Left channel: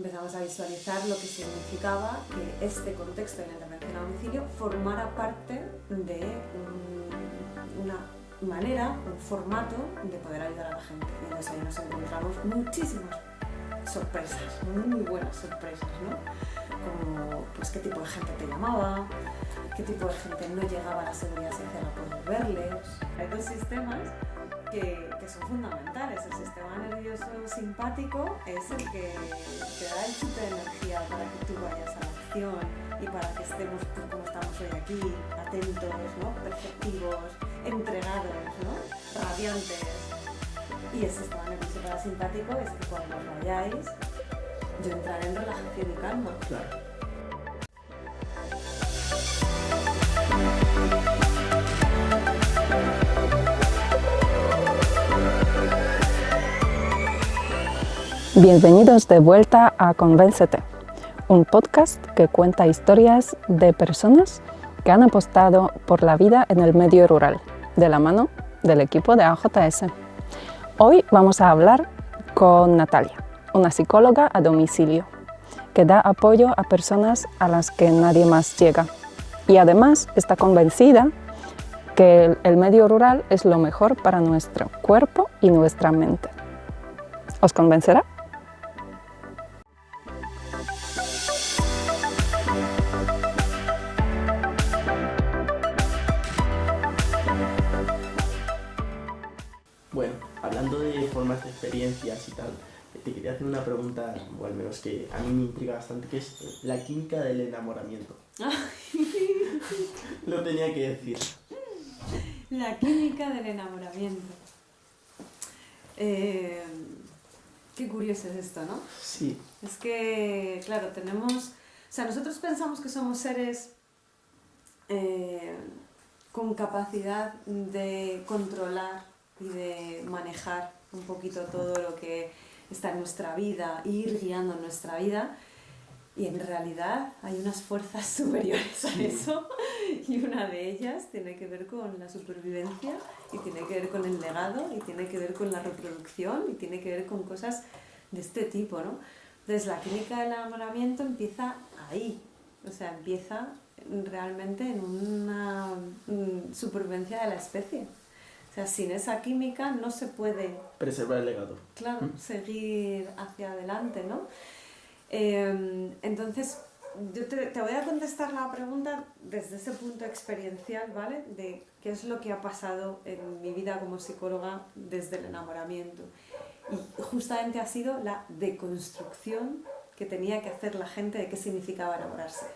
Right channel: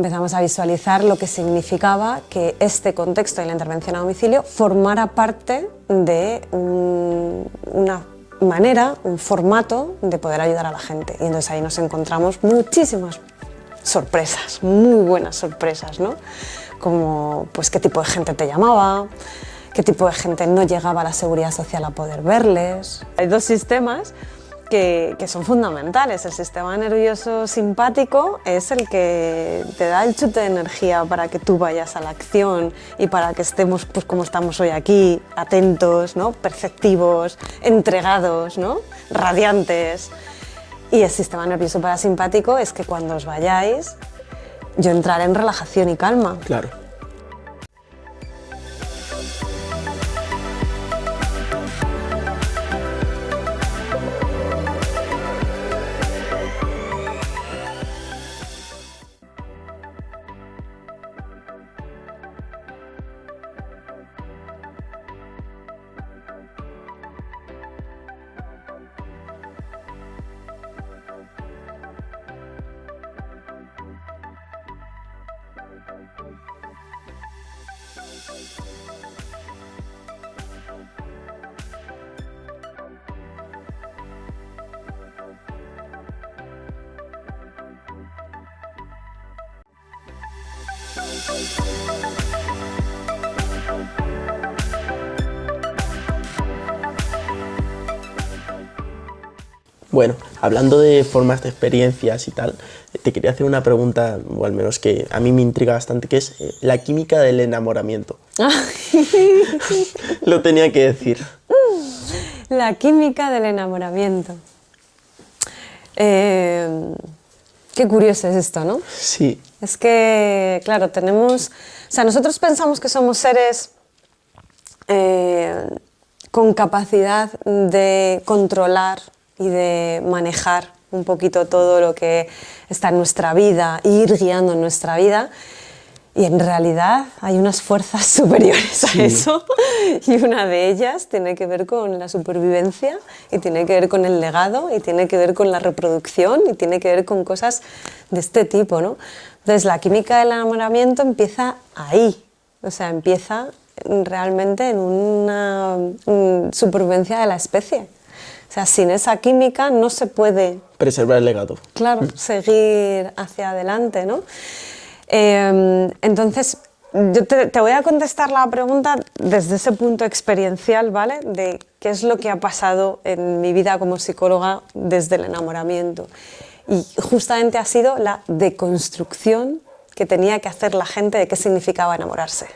empezamos a visualizar lo que significaba que este contexto de la intervención a domicilio formara parte de una manera, un formato de poder ayudar a la gente. Y entonces ahí nos encontramos muchísimas sorpresas, muy buenas sorpresas, ¿no? Como pues qué tipo de gente te llamaba, qué tipo de gente no llegaba a la seguridad social a poder verles. Hay dos sistemas que son fundamentales. El sistema nervioso simpático es el que te da el chute de energía para que tú vayas a la acción y para que estemos pues, como estamos hoy aquí, atentos, ¿no? Perceptivos, entregados, ¿no? Radiantes. Y el sistema nervioso parasimpático es que cuando os vayáis, yo entraré en relajación y calma. Claro. Bienvenidos de vuelta a Convéncete, un podcast que cuenta historias de personas que han apostado por la vida en el medio rural, de la mano del equipo de AJS. Hoy vamos a hablar con Natalia, una psicóloga a domicilio, que da apoyo a personas a las que nadie más llega. Y además está convencida que el medio rural es lo mejor para nuestro cuerpo y nuestra mente. ¿Os convencerá? Bueno, hablando de formas de experiencias y tal, te quería hacer una pregunta, o al menos que a mí me intriga bastante, que es la química del enamoramiento. Lo tenía que decir. La química del enamoramiento. Qué curioso es esto, ¿no? Sí. Es que, claro, nosotros pensamos que somos seres con capacidad de controlar y de manejar un poquito todo lo que está en nuestra vida e ir guiando en nuestra vida. Y en realidad hay unas fuerzas superiores a eso, y una de ellas tiene que ver con la supervivencia, y tiene que ver con el legado, y tiene que ver con la reproducción, y tiene que ver con cosas de este tipo, ¿no? Entonces la química del enamoramiento empieza ahí, o sea, empieza realmente en una supervivencia de la especie. O sea, sin esa química no se puede... Preservar el legado. Claro, seguir hacia adelante, ¿no? Entonces, yo te voy a contestar la pregunta desde ese punto experiencial, ¿vale? De qué es lo que ha pasado en mi vida como psicóloga desde el enamoramiento. Y justamente ha sido la deconstrucción que tenía que hacer la gente de qué significaba enamorarse.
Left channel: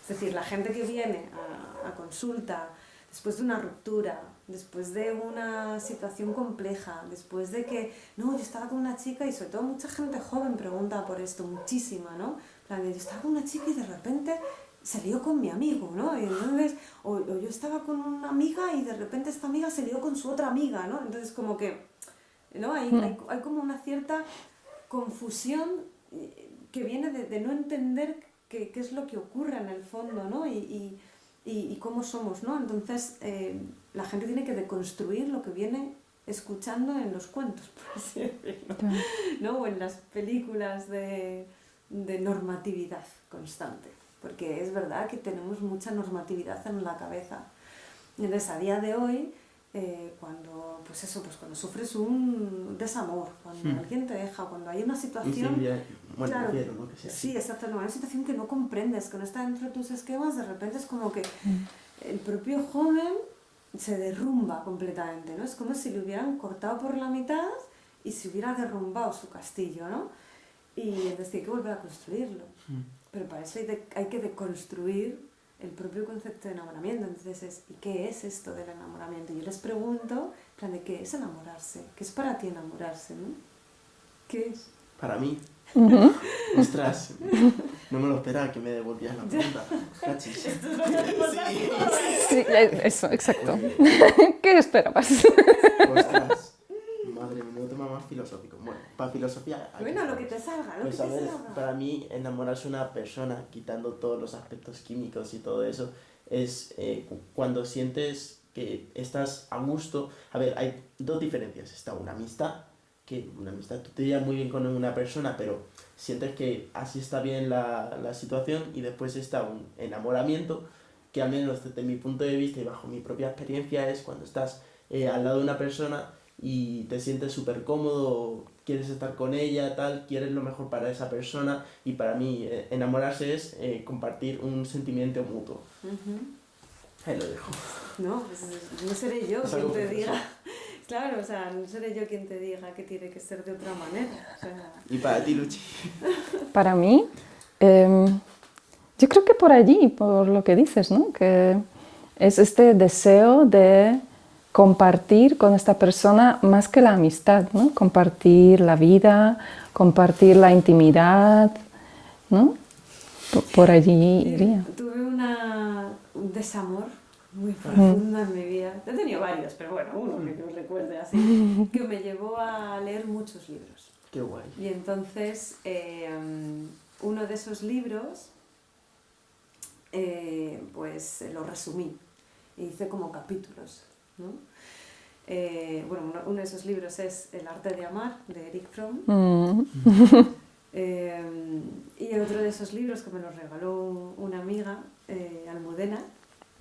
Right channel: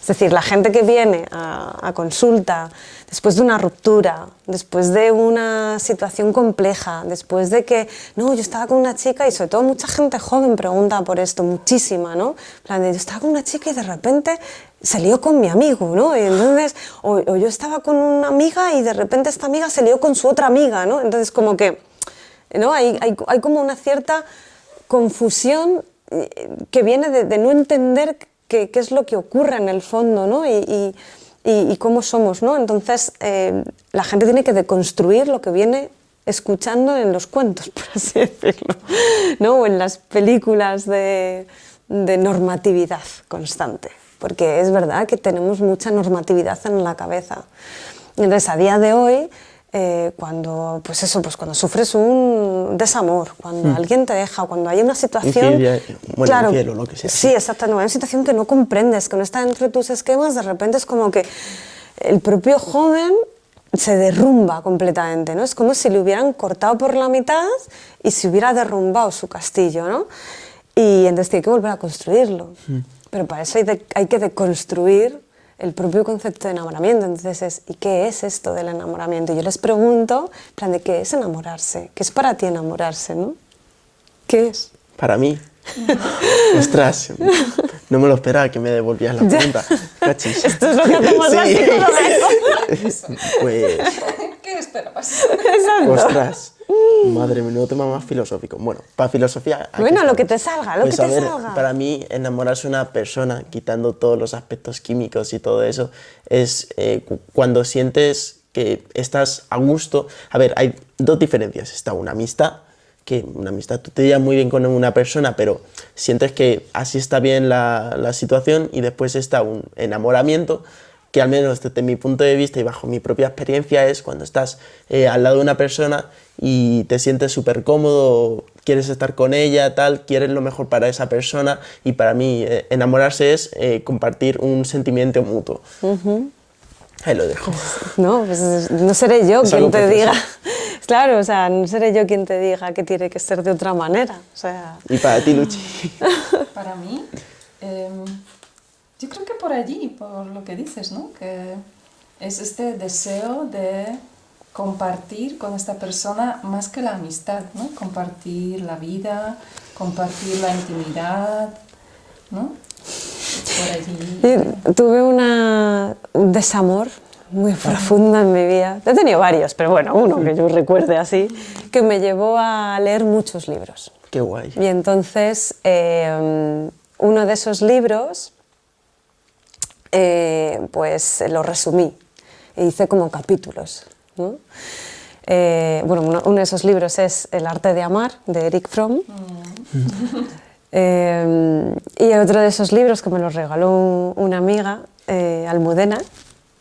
Es decir, la gente que viene a consulta después de una ruptura, después de una situación compleja, después de que, no, yo estaba con una chica, y sobre todo mucha gente joven pregunta por esto, muchísima, ¿no? En plan de, yo estaba con una chica y de repente se lió con mi amigo, ¿no? Y entonces, o yo estaba con una amiga y de repente esta amiga se lió con su otra amiga, ¿no? Entonces como que, ¿no? Hay como una cierta confusión que viene de no entender qué es lo que ocurre en el fondo, ¿no? Y cómo somos, ¿no? Entonces, la gente tiene que deconstruir lo que viene escuchando en los cuentos, por así decirlo, ¿no? O en las películas de normatividad constante, porque es verdad que tenemos mucha normatividad en la cabeza. Entonces, a día de hoy, cuando sufres un desamor, cuando alguien te deja, cuando hay una situación... Infiel o lo que sea. Sí, exacto, no, hay una situación que no comprendes, que no está dentro de tus esquemas, de repente es como que el propio joven se derrumba completamente, ¿no? Es como si le hubieran cortado por la mitad y se hubiera derrumbado su castillo, ¿no? Y entonces tiene que volver a construirlo. Pero para eso hay que deconstruir el propio concepto de enamoramiento. Entonces ¿y qué es esto del enamoramiento? Y yo les pregunto, en plan de ¿qué es enamorarse? ¿Qué es para ti enamorarse, no? ¿Qué es? Para mí. Ostras, no me lo esperaba que me devolvías la pregunta. Cachis. Esto es lo que hacemos las psicólogas. Eso. Pues, ¿Qué esperabas? ostras, madre mía, no tema más filosófico. Bueno, para filosofía... Bueno, lo que te salga, pues a ver, para mí enamorarse de una persona, quitando todos los aspectos químicos y todo eso, es cuando sientes que estás a gusto. A ver, hay dos diferencias. Está una amistad, que una amistad, tú te llevas muy bien con una persona, pero sientes que así está bien la situación, y después está un enamoramiento, que al menos desde mi punto de vista y bajo mi propia experiencia es cuando estás al lado de una persona y te sientes súper cómodo, quieres estar con ella, tal, quieres lo mejor para esa persona, y para mí enamorarse es compartir un sentimiento mutuo. Ahí lo dejo. No, pues no seré yo Es quien algo te precioso. diga. Claro, o sea, no seré yo quien te diga que tiene que ser de otra manera. O sea, Y para ti, Luchi. Para mí, yo creo que por allí, por lo que dices, ¿no? Que es este deseo de compartir con esta persona más que la amistad, ¿no? Compartir la vida, compartir la intimidad, ¿no? Por allí. tuve un desamor muy profundo en mi vida. He tenido varios, pero bueno, uno que yo recuerde así, que me llevó a leer muchos libros. Qué guay. Y entonces, uno de esos libros, pues lo resumí e hice como capítulos, ¿no? Bueno, uno de esos libros es El arte de amar, de Eric Fromm. Y otro de esos libros que me los regaló una amiga, Almudena.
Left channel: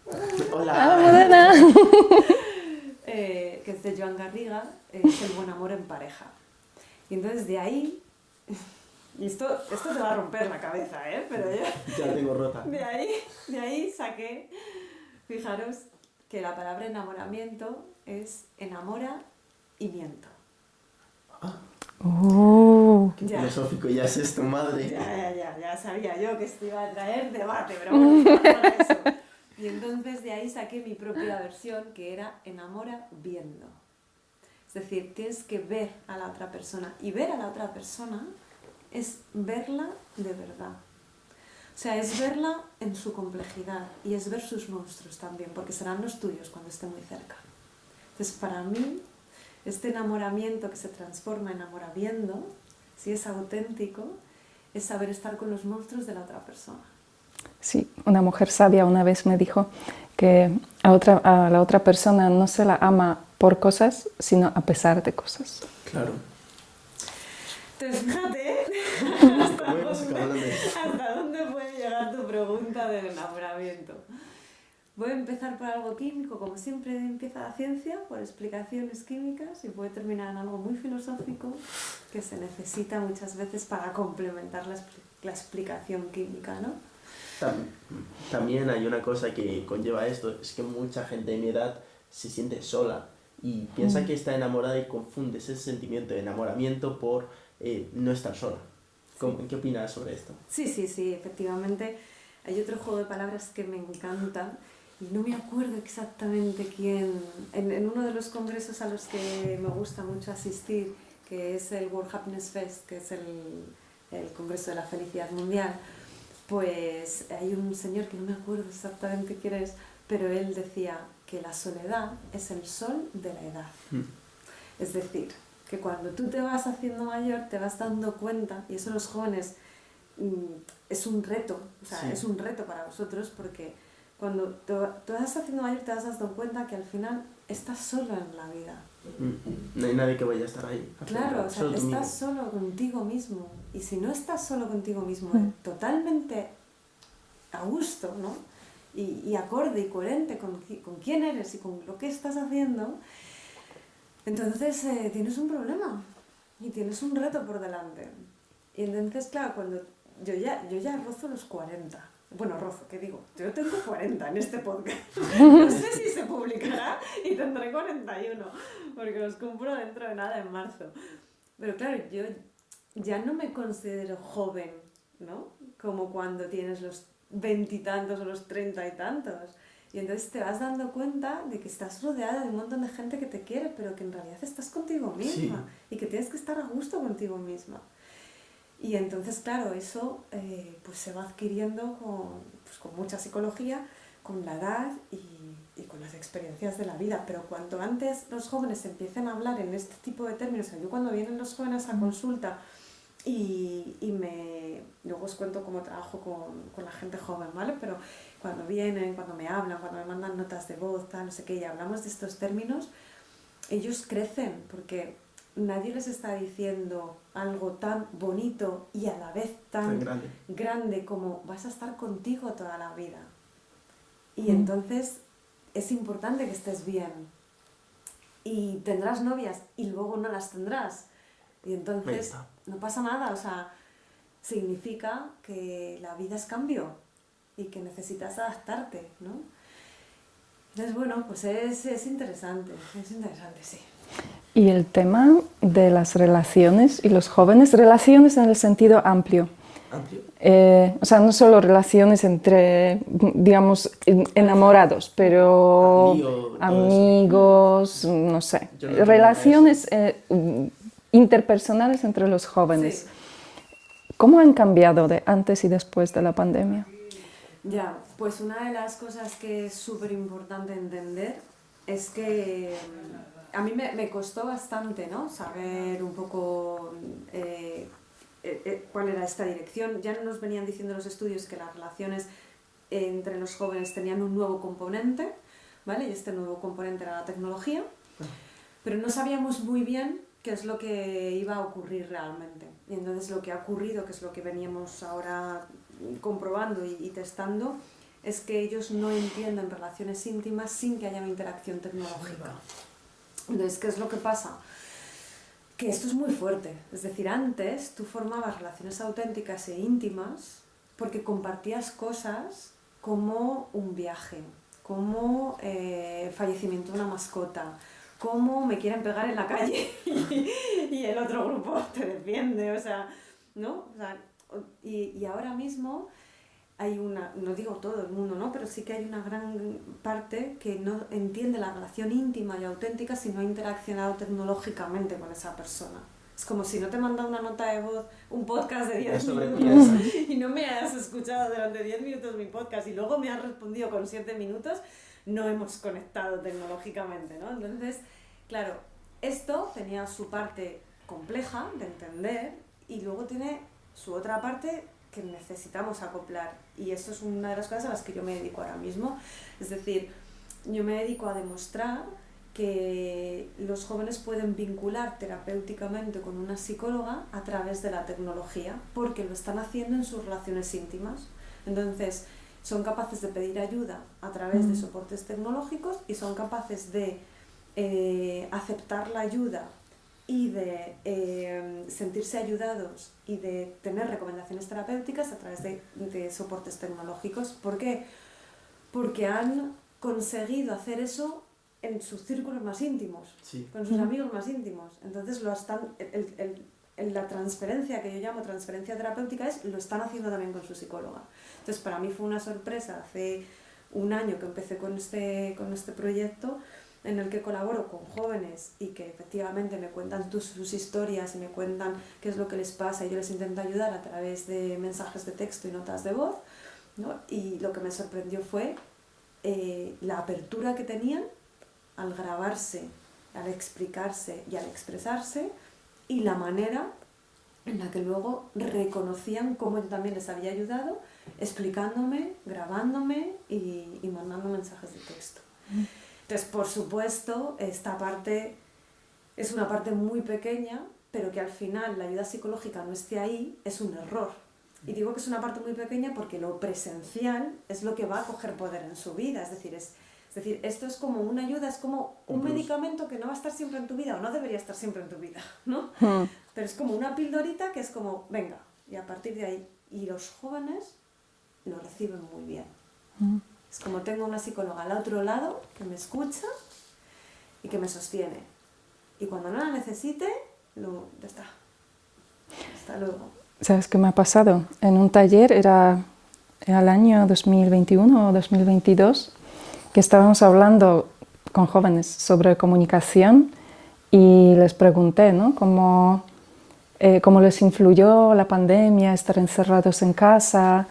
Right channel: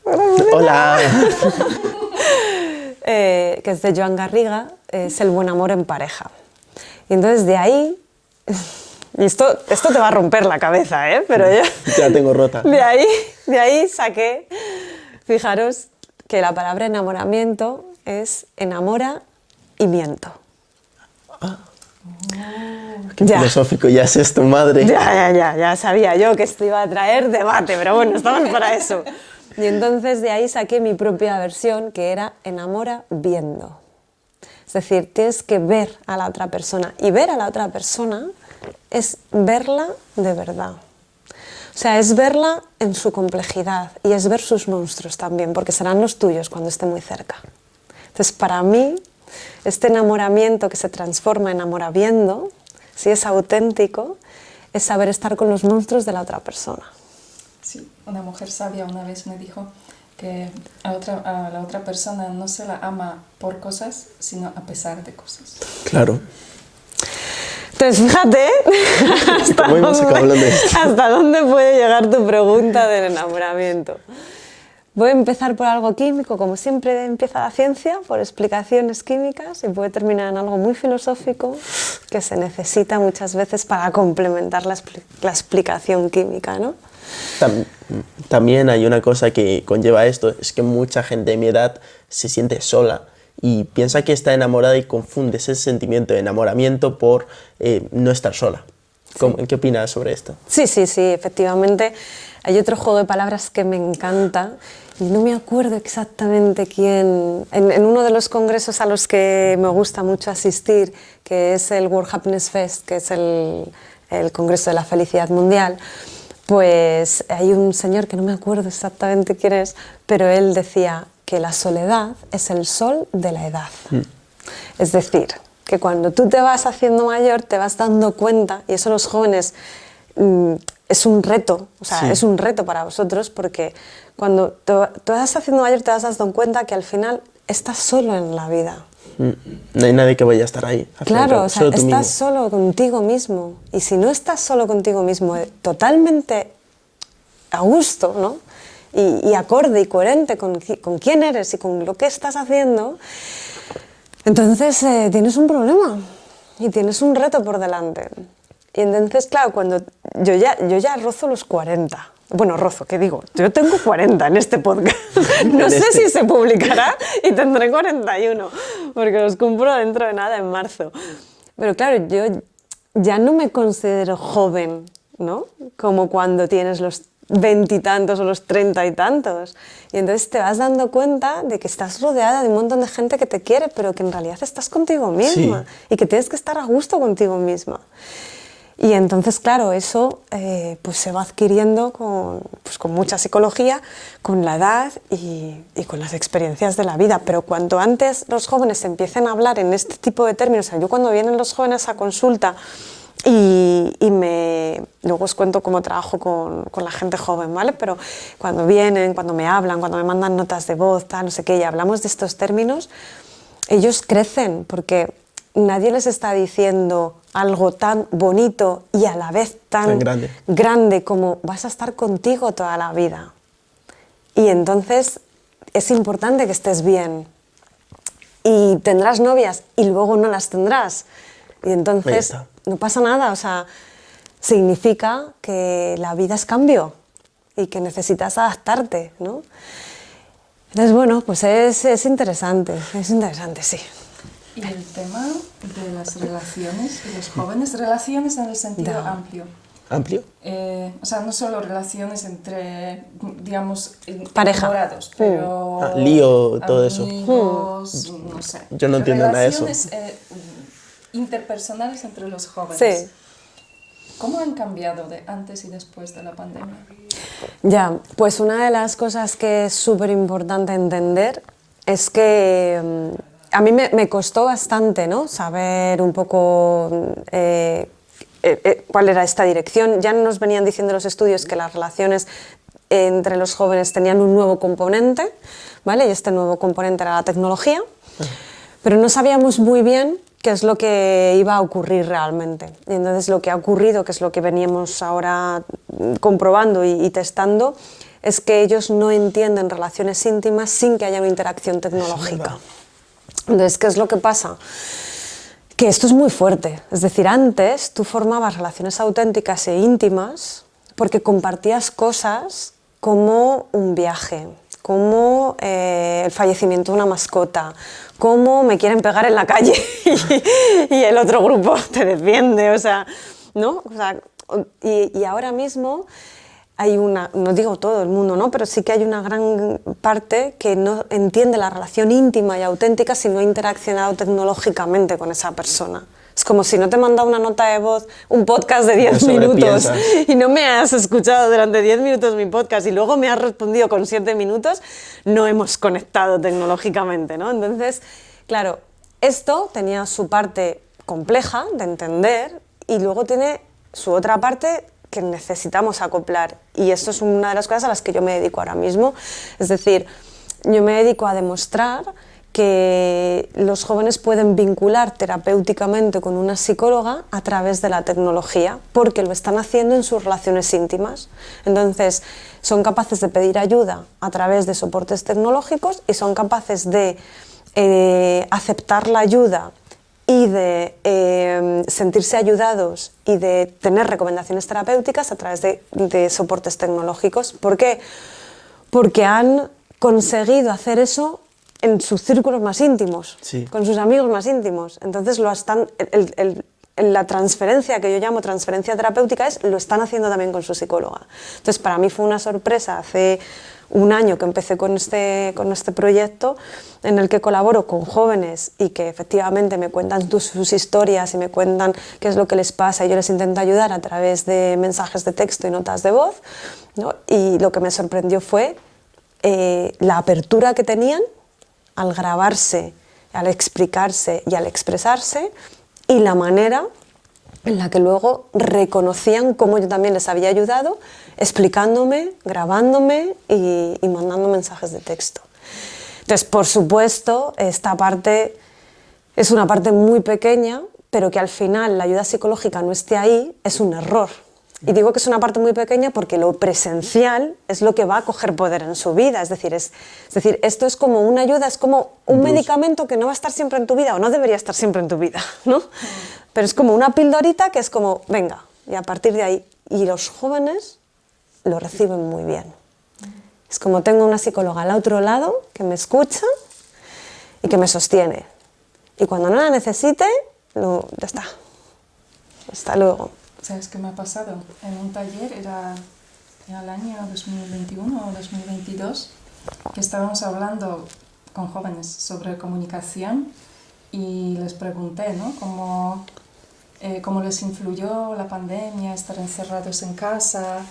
Hola. Que es de Joan Garriga, es El buen amor en pareja. Y entonces de ahí, y esto te va a romper la cabeza, ¿eh? Pero yo, Ya la tengo rota. de ahí saqué, fijaros, que la palabra enamoramiento es enamora y miento. Qué filosófico ya es esto, madre. Ya sabía yo que esto iba a traer debate, pero bueno, estamos para eso. Y entonces de ahí saqué mi propia versión, que era enamora viendo. Es decir, tienes que ver a la otra persona, y ver a la otra persona es verla de verdad. O sea, es verla en su complejidad, y es ver sus monstruos también, porque serán los tuyos cuando esté muy cerca. Entonces, para mí, este enamoramiento que se transforma en enamoraviendo, si es auténtico, es saber estar con los monstruos de la otra persona. Sí, una mujer sabia una vez me dijo que a la otra persona no se la ama por cosas, sino a pesar de cosas. Claro. Entonces, fíjate ¿Cómo hemos acabado hablando de esto? hasta dónde puede llegar tu pregunta del enamoramiento. Voy a empezar por algo químico, como siempre empieza la ciencia, por explicaciones químicas, y puede terminar en algo muy filosófico que se necesita muchas veces para complementar la explicación química, ¿no? También hay una cosa que conlleva esto, es que mucha gente de mi edad se siente sola y piensa que está enamorada y confunde ese sentimiento de enamoramiento por no estar sola. ¿Qué opinas sobre esto? Sí, efectivamente. Hay otro juego de palabras que me encanta, y no me acuerdo exactamente quién. En uno de los congresos a los que me gusta mucho asistir, que es el World Happiness Fest, que es el Congreso de la Felicidad Mundial, pues hay un señor que no me acuerdo exactamente quién es, pero él decía que la soledad es el sol de la edad. Es decir, que cuando tú te vas haciendo mayor te vas dando cuenta, y eso los jóvenes es un reto, o sea, Sí. es un reto para vosotros, porque cuando te vas haciendo mayor te vas dando cuenta que al final estás solo en la vida. No hay nadie que vaya a estar ahí. al fin y al Claro, cabo, o sea, solo tú estás mismo. solo contigo mismo. Y si no estás solo contigo mismo, totalmente a gusto, ¿no? Y acorde y coherente con quién eres y con lo que estás haciendo, entonces tienes un problema y tienes un reto por delante. Y entonces, claro, cuando yo ya rozo los 40. Bueno, rozo, ¿qué digo? Yo tengo 40 en este podcast. No sé si se publicará y tendré 41, porque los cumplo dentro de nada, en marzo. Pero claro, yo ya no me considero joven, ¿no? Como cuando tienes los 20 y tantos o los 30 y tantos. Y entonces te vas dando cuenta de que estás rodeada de un montón de gente que te quiere, pero que en realidad estás contigo misma. Sí. Y que tienes que estar a gusto contigo misma. Y entonces, claro, eso pues se va adquiriendo con mucha psicología, con la edad y con las experiencias de la vida. Pero cuanto antes los jóvenes empiecen a hablar en este tipo de términos, o sea, yo cuando vienen los jóvenes a consulta luego os cuento cómo trabajo con la gente joven, ¿vale? Pero cuando vienen, cuando me hablan, cuando me mandan notas de voz, tal, no sé qué, y hablamos de estos términos, ellos crecen porque nadie les está diciendo algo tan bonito y a la vez tan grande como vas a estar contigo toda la vida. Y entonces es importante que estés bien. Y tendrás novias y luego no las tendrás. Y entonces no pasa nada, o sea, significa que la vida es cambio y que necesitas adaptarte, ¿no? Entonces, bueno, pues es interesante, sí. Y el tema de las relaciones y los jóvenes, relaciones en el sentido amplio. ¿Amplio? O sea, no solo relaciones entre, digamos, enamorados, pero lío, todo amigos, no sé. Yo no entiendo relaciones nada de eso. Interpersonales entre los jóvenes. Sí. ¿Cómo han cambiado de antes y después de la pandemia? Ya, pues una de las cosas que es súper importante entender es que a mí me costó bastante, ¿no?, saber un poco cuál era esta dirección. Ya nos venían diciendo los estudios que las relaciones entre los jóvenes tenían un nuevo componente, ¿vale? Y este nuevo componente era la tecnología, pero no sabíamos muy bien qué es lo que iba a ocurrir realmente. Y entonces lo que ha ocurrido, que es lo que veníamos ahora comprobando y testando, es que ellos no entienden relaciones íntimas sin que haya una interacción tecnológica. Entonces, ¿qué es lo que pasa? Que esto es muy fuerte. Es decir, antes tú formabas relaciones auténticas e íntimas porque compartías cosas como un viaje, como el fallecimiento de una mascota, como me quieren pegar en la calle y el otro grupo te defiende, o sea, ¿no? O sea, y ahora mismo hay una, no digo todo el mundo, ¿no?, pero sí que hay una gran parte que no entiende la relación íntima y auténtica si no ha interaccionado tecnológicamente con esa persona. Es como si no te he mandado una nota de voz, un podcast de 10 minutos y no me has escuchado durante 10 minutos mi podcast y luego me has respondido con 7 minutos, no hemos conectado tecnológicamente, ¿no? Entonces, claro, esto tenía su parte compleja de entender y luego tiene su otra parte que necesitamos acoplar. Y esto es una de las cosas a las que yo me dedico ahora mismo. Es decir, yo me dedico a demostrar que los jóvenes pueden vincular terapéuticamente con una psicóloga a través de la tecnología, porque lo están haciendo en sus relaciones íntimas. Entonces, son capaces de pedir ayuda a través de soportes tecnológicos y son capaces de aceptar la ayuda y de sentirse ayudados y de tener recomendaciones terapéuticas a través de soportes tecnológicos. ¿Por qué? Porque han conseguido hacer eso en sus círculos más íntimos, sí, con sus amigos más íntimos. Entonces la transferencia, que yo llamo transferencia terapéutica, lo están haciendo también con su psicóloga. Entonces, para mí fue una sorpresa hace un año que empecé con este proyecto en el que colaboro con jóvenes y que efectivamente me cuentan sus historias y me cuentan qué es lo que les pasa y yo les intento ayudar a través de mensajes de texto y notas de voz, ¿no? Y lo que me sorprendió fue la apertura que tenían al grabarse, al explicarse y al expresarse, y la manera en la que luego reconocían cómo yo también les había ayudado, explicándome, grabándome y mandando mensajes de texto. Entonces, por supuesto, esta parte es una parte muy pequeña, pero que al final la ayuda psicológica no esté ahí es un error. Y digo que es una parte muy pequeña porque lo presencial es lo que va a coger poder en su vida. Es decir, esto es como una ayuda, es como un medicamento que no va a estar siempre en tu vida o no debería estar siempre en tu vida, ¿no? Pero es como una pildorita que es como, venga, y a partir de ahí. Y los jóvenes lo reciben muy bien. Es como tengo una psicóloga al otro lado que me escucha y que me sostiene. Y cuando no la necesite, ya está. Hasta luego. ¿Sabes qué me ha pasado? En un taller, era el año 2021 o 2022, que estábamos hablando con jóvenes sobre comunicación y les pregunté, ¿no?, cómo les influyó la pandemia, estar encerrados en casa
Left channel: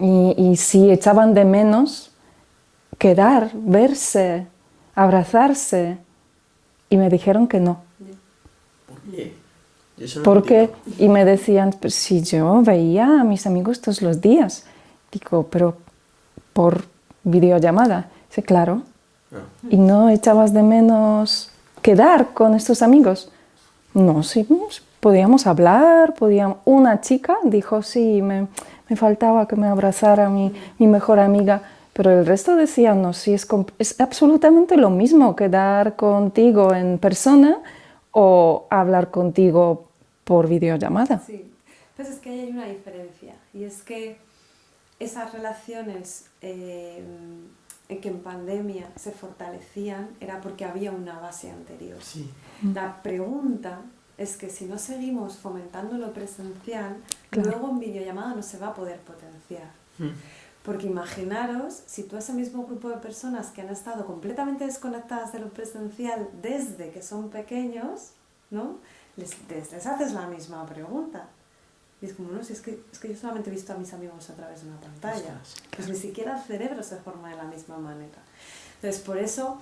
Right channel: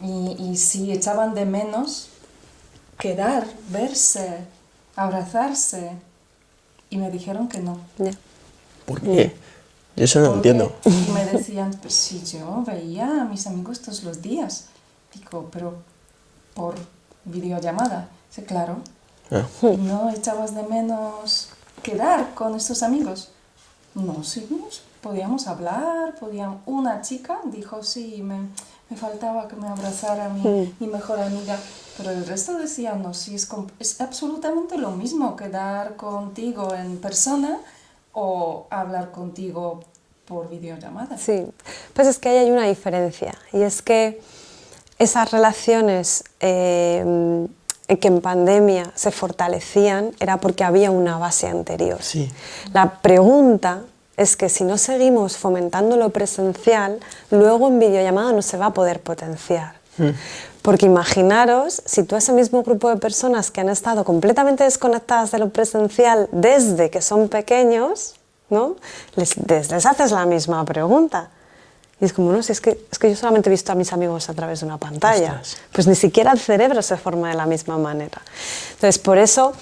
y si echaban de menos quedar, verse, abrazarse. Y me dijeron que no. ¿Por qué? Yo eso no lo entiendo. Y me decían, pues, si yo veía a mis amigos todos los días. Digo, pero por videollamada. Sí, claro. Y no echabas de menos quedar con estos amigos. No, sí, podíamos hablar, una chica dijo, sí, me faltaba que me abrazara mi mejor amiga, pero el resto decían, no, sí, es absolutamente lo mismo quedar contigo en persona o hablar contigo por videollamada. Sí, pues es que ahí hay una diferencia, y es que esas relaciones que en pandemia se fortalecían era porque había una base anterior. Sí. La pregunta es que si no seguimos fomentando lo presencial, luego en videollamada no se va a poder potenciar. Porque imaginaros, si tú a ese mismo grupo de personas que han estado completamente desconectadas de lo presencial desde que son pequeños, ¿no? les haces la misma pregunta. Y es como, no, si es que yo solamente he visto a mis amigos a través de una pantalla. Ostras. Pues ni siquiera el cerebro se forma de la misma manera. Entonces, por eso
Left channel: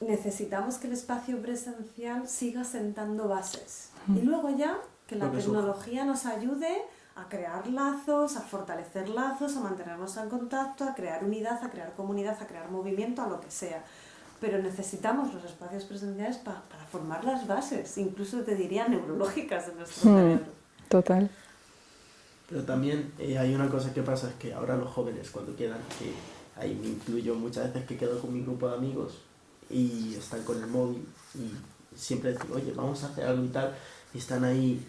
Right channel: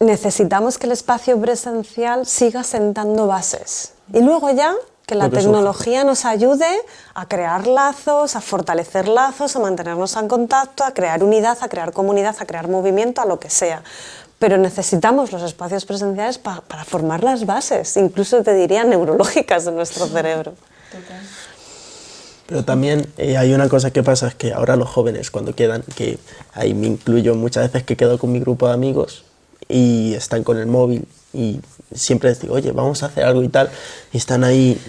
necesitamos que el espacio presencial siga sentando bases. Y luego ya que la tecnología nos ayude a crear lazos, a fortalecer lazos, a mantenernos en contacto, a crear unidad, a crear comunidad, a crear movimiento, a lo que sea. Pero necesitamos los espacios presenciales para formar las bases, incluso te diría neurológicas de nuestro cerebro. Total. Pero también hay una cosa que pasa, es que ahora los jóvenes cuando quedan, que ahí me incluyo muchas veces que quedo con mi grupo de amigos y están con el móvil y siempre les digo, oye, vamos a hacer algo y tal, y están ahí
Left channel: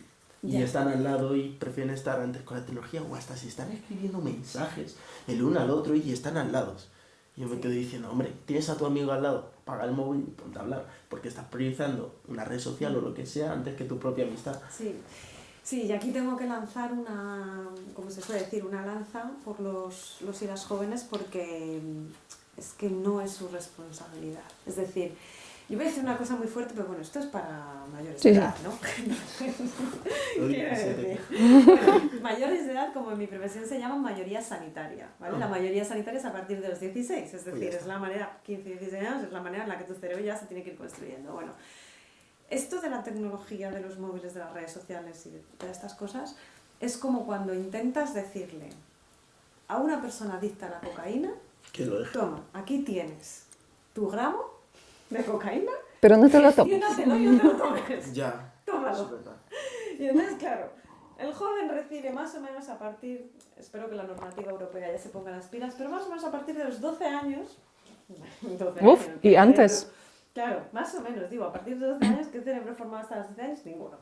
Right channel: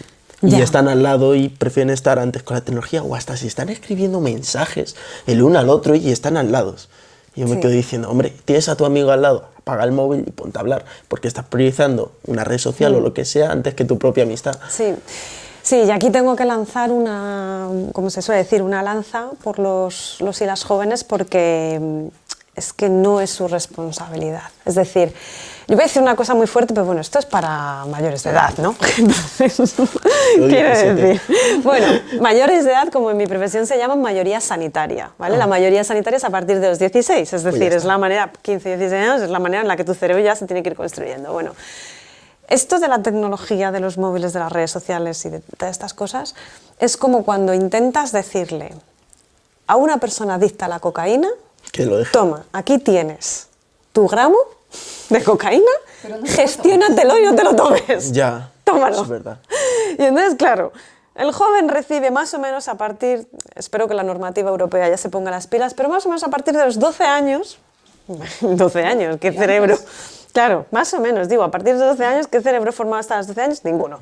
y están al lado y prefieren estar antes con la tecnología, o hasta si están escribiendo mensajes el uno al otro y están al lado. Y yo me quedo diciendo, hombre, tienes a tu amigo al lado, apaga el móvil y ponte a hablar, porque estás priorizando una red social o lo que sea antes que tu propia amistad. Sí. Sí, y aquí tengo que lanzar una, como se suele decir, una lanza por los y las jóvenes, porque es que no es su responsabilidad. Es decir, yo voy a decir una cosa muy fuerte, pero bueno, esto es para mayores de edad, ¿no? Entonces, quiero decir, bueno, mayores de edad, como en mi profesión se llaman mayoría sanitaria, ¿vale? La mayoría sanitaria es a partir de los 16, es decir, es la manera, 15, 16 años, es la manera en la que tu cerebro ya se tiene que ir construyendo. Bueno, esto de la tecnología, de los móviles, de las redes sociales y de todas estas cosas, es como cuando intentas decirle a una persona adicta a la cocaína, Que lo deje. toma, aquí tienes tu gramo de cocaína, Pero no te lo gestiónatelo y no te lo tomes. Ya, Tómalo. eso es verdad. Y entonces, claro, el joven recibe más o menos a partir, espero que la normativa europea ya se ponga las pilas, pero más o menos a partir de los 12 años, 12 años, ¿qué y cerebro? antes. Claro, más o menos, digo, a partir de 12 años, ¿qué cerebro formado hasta los 12 años? Ninguno.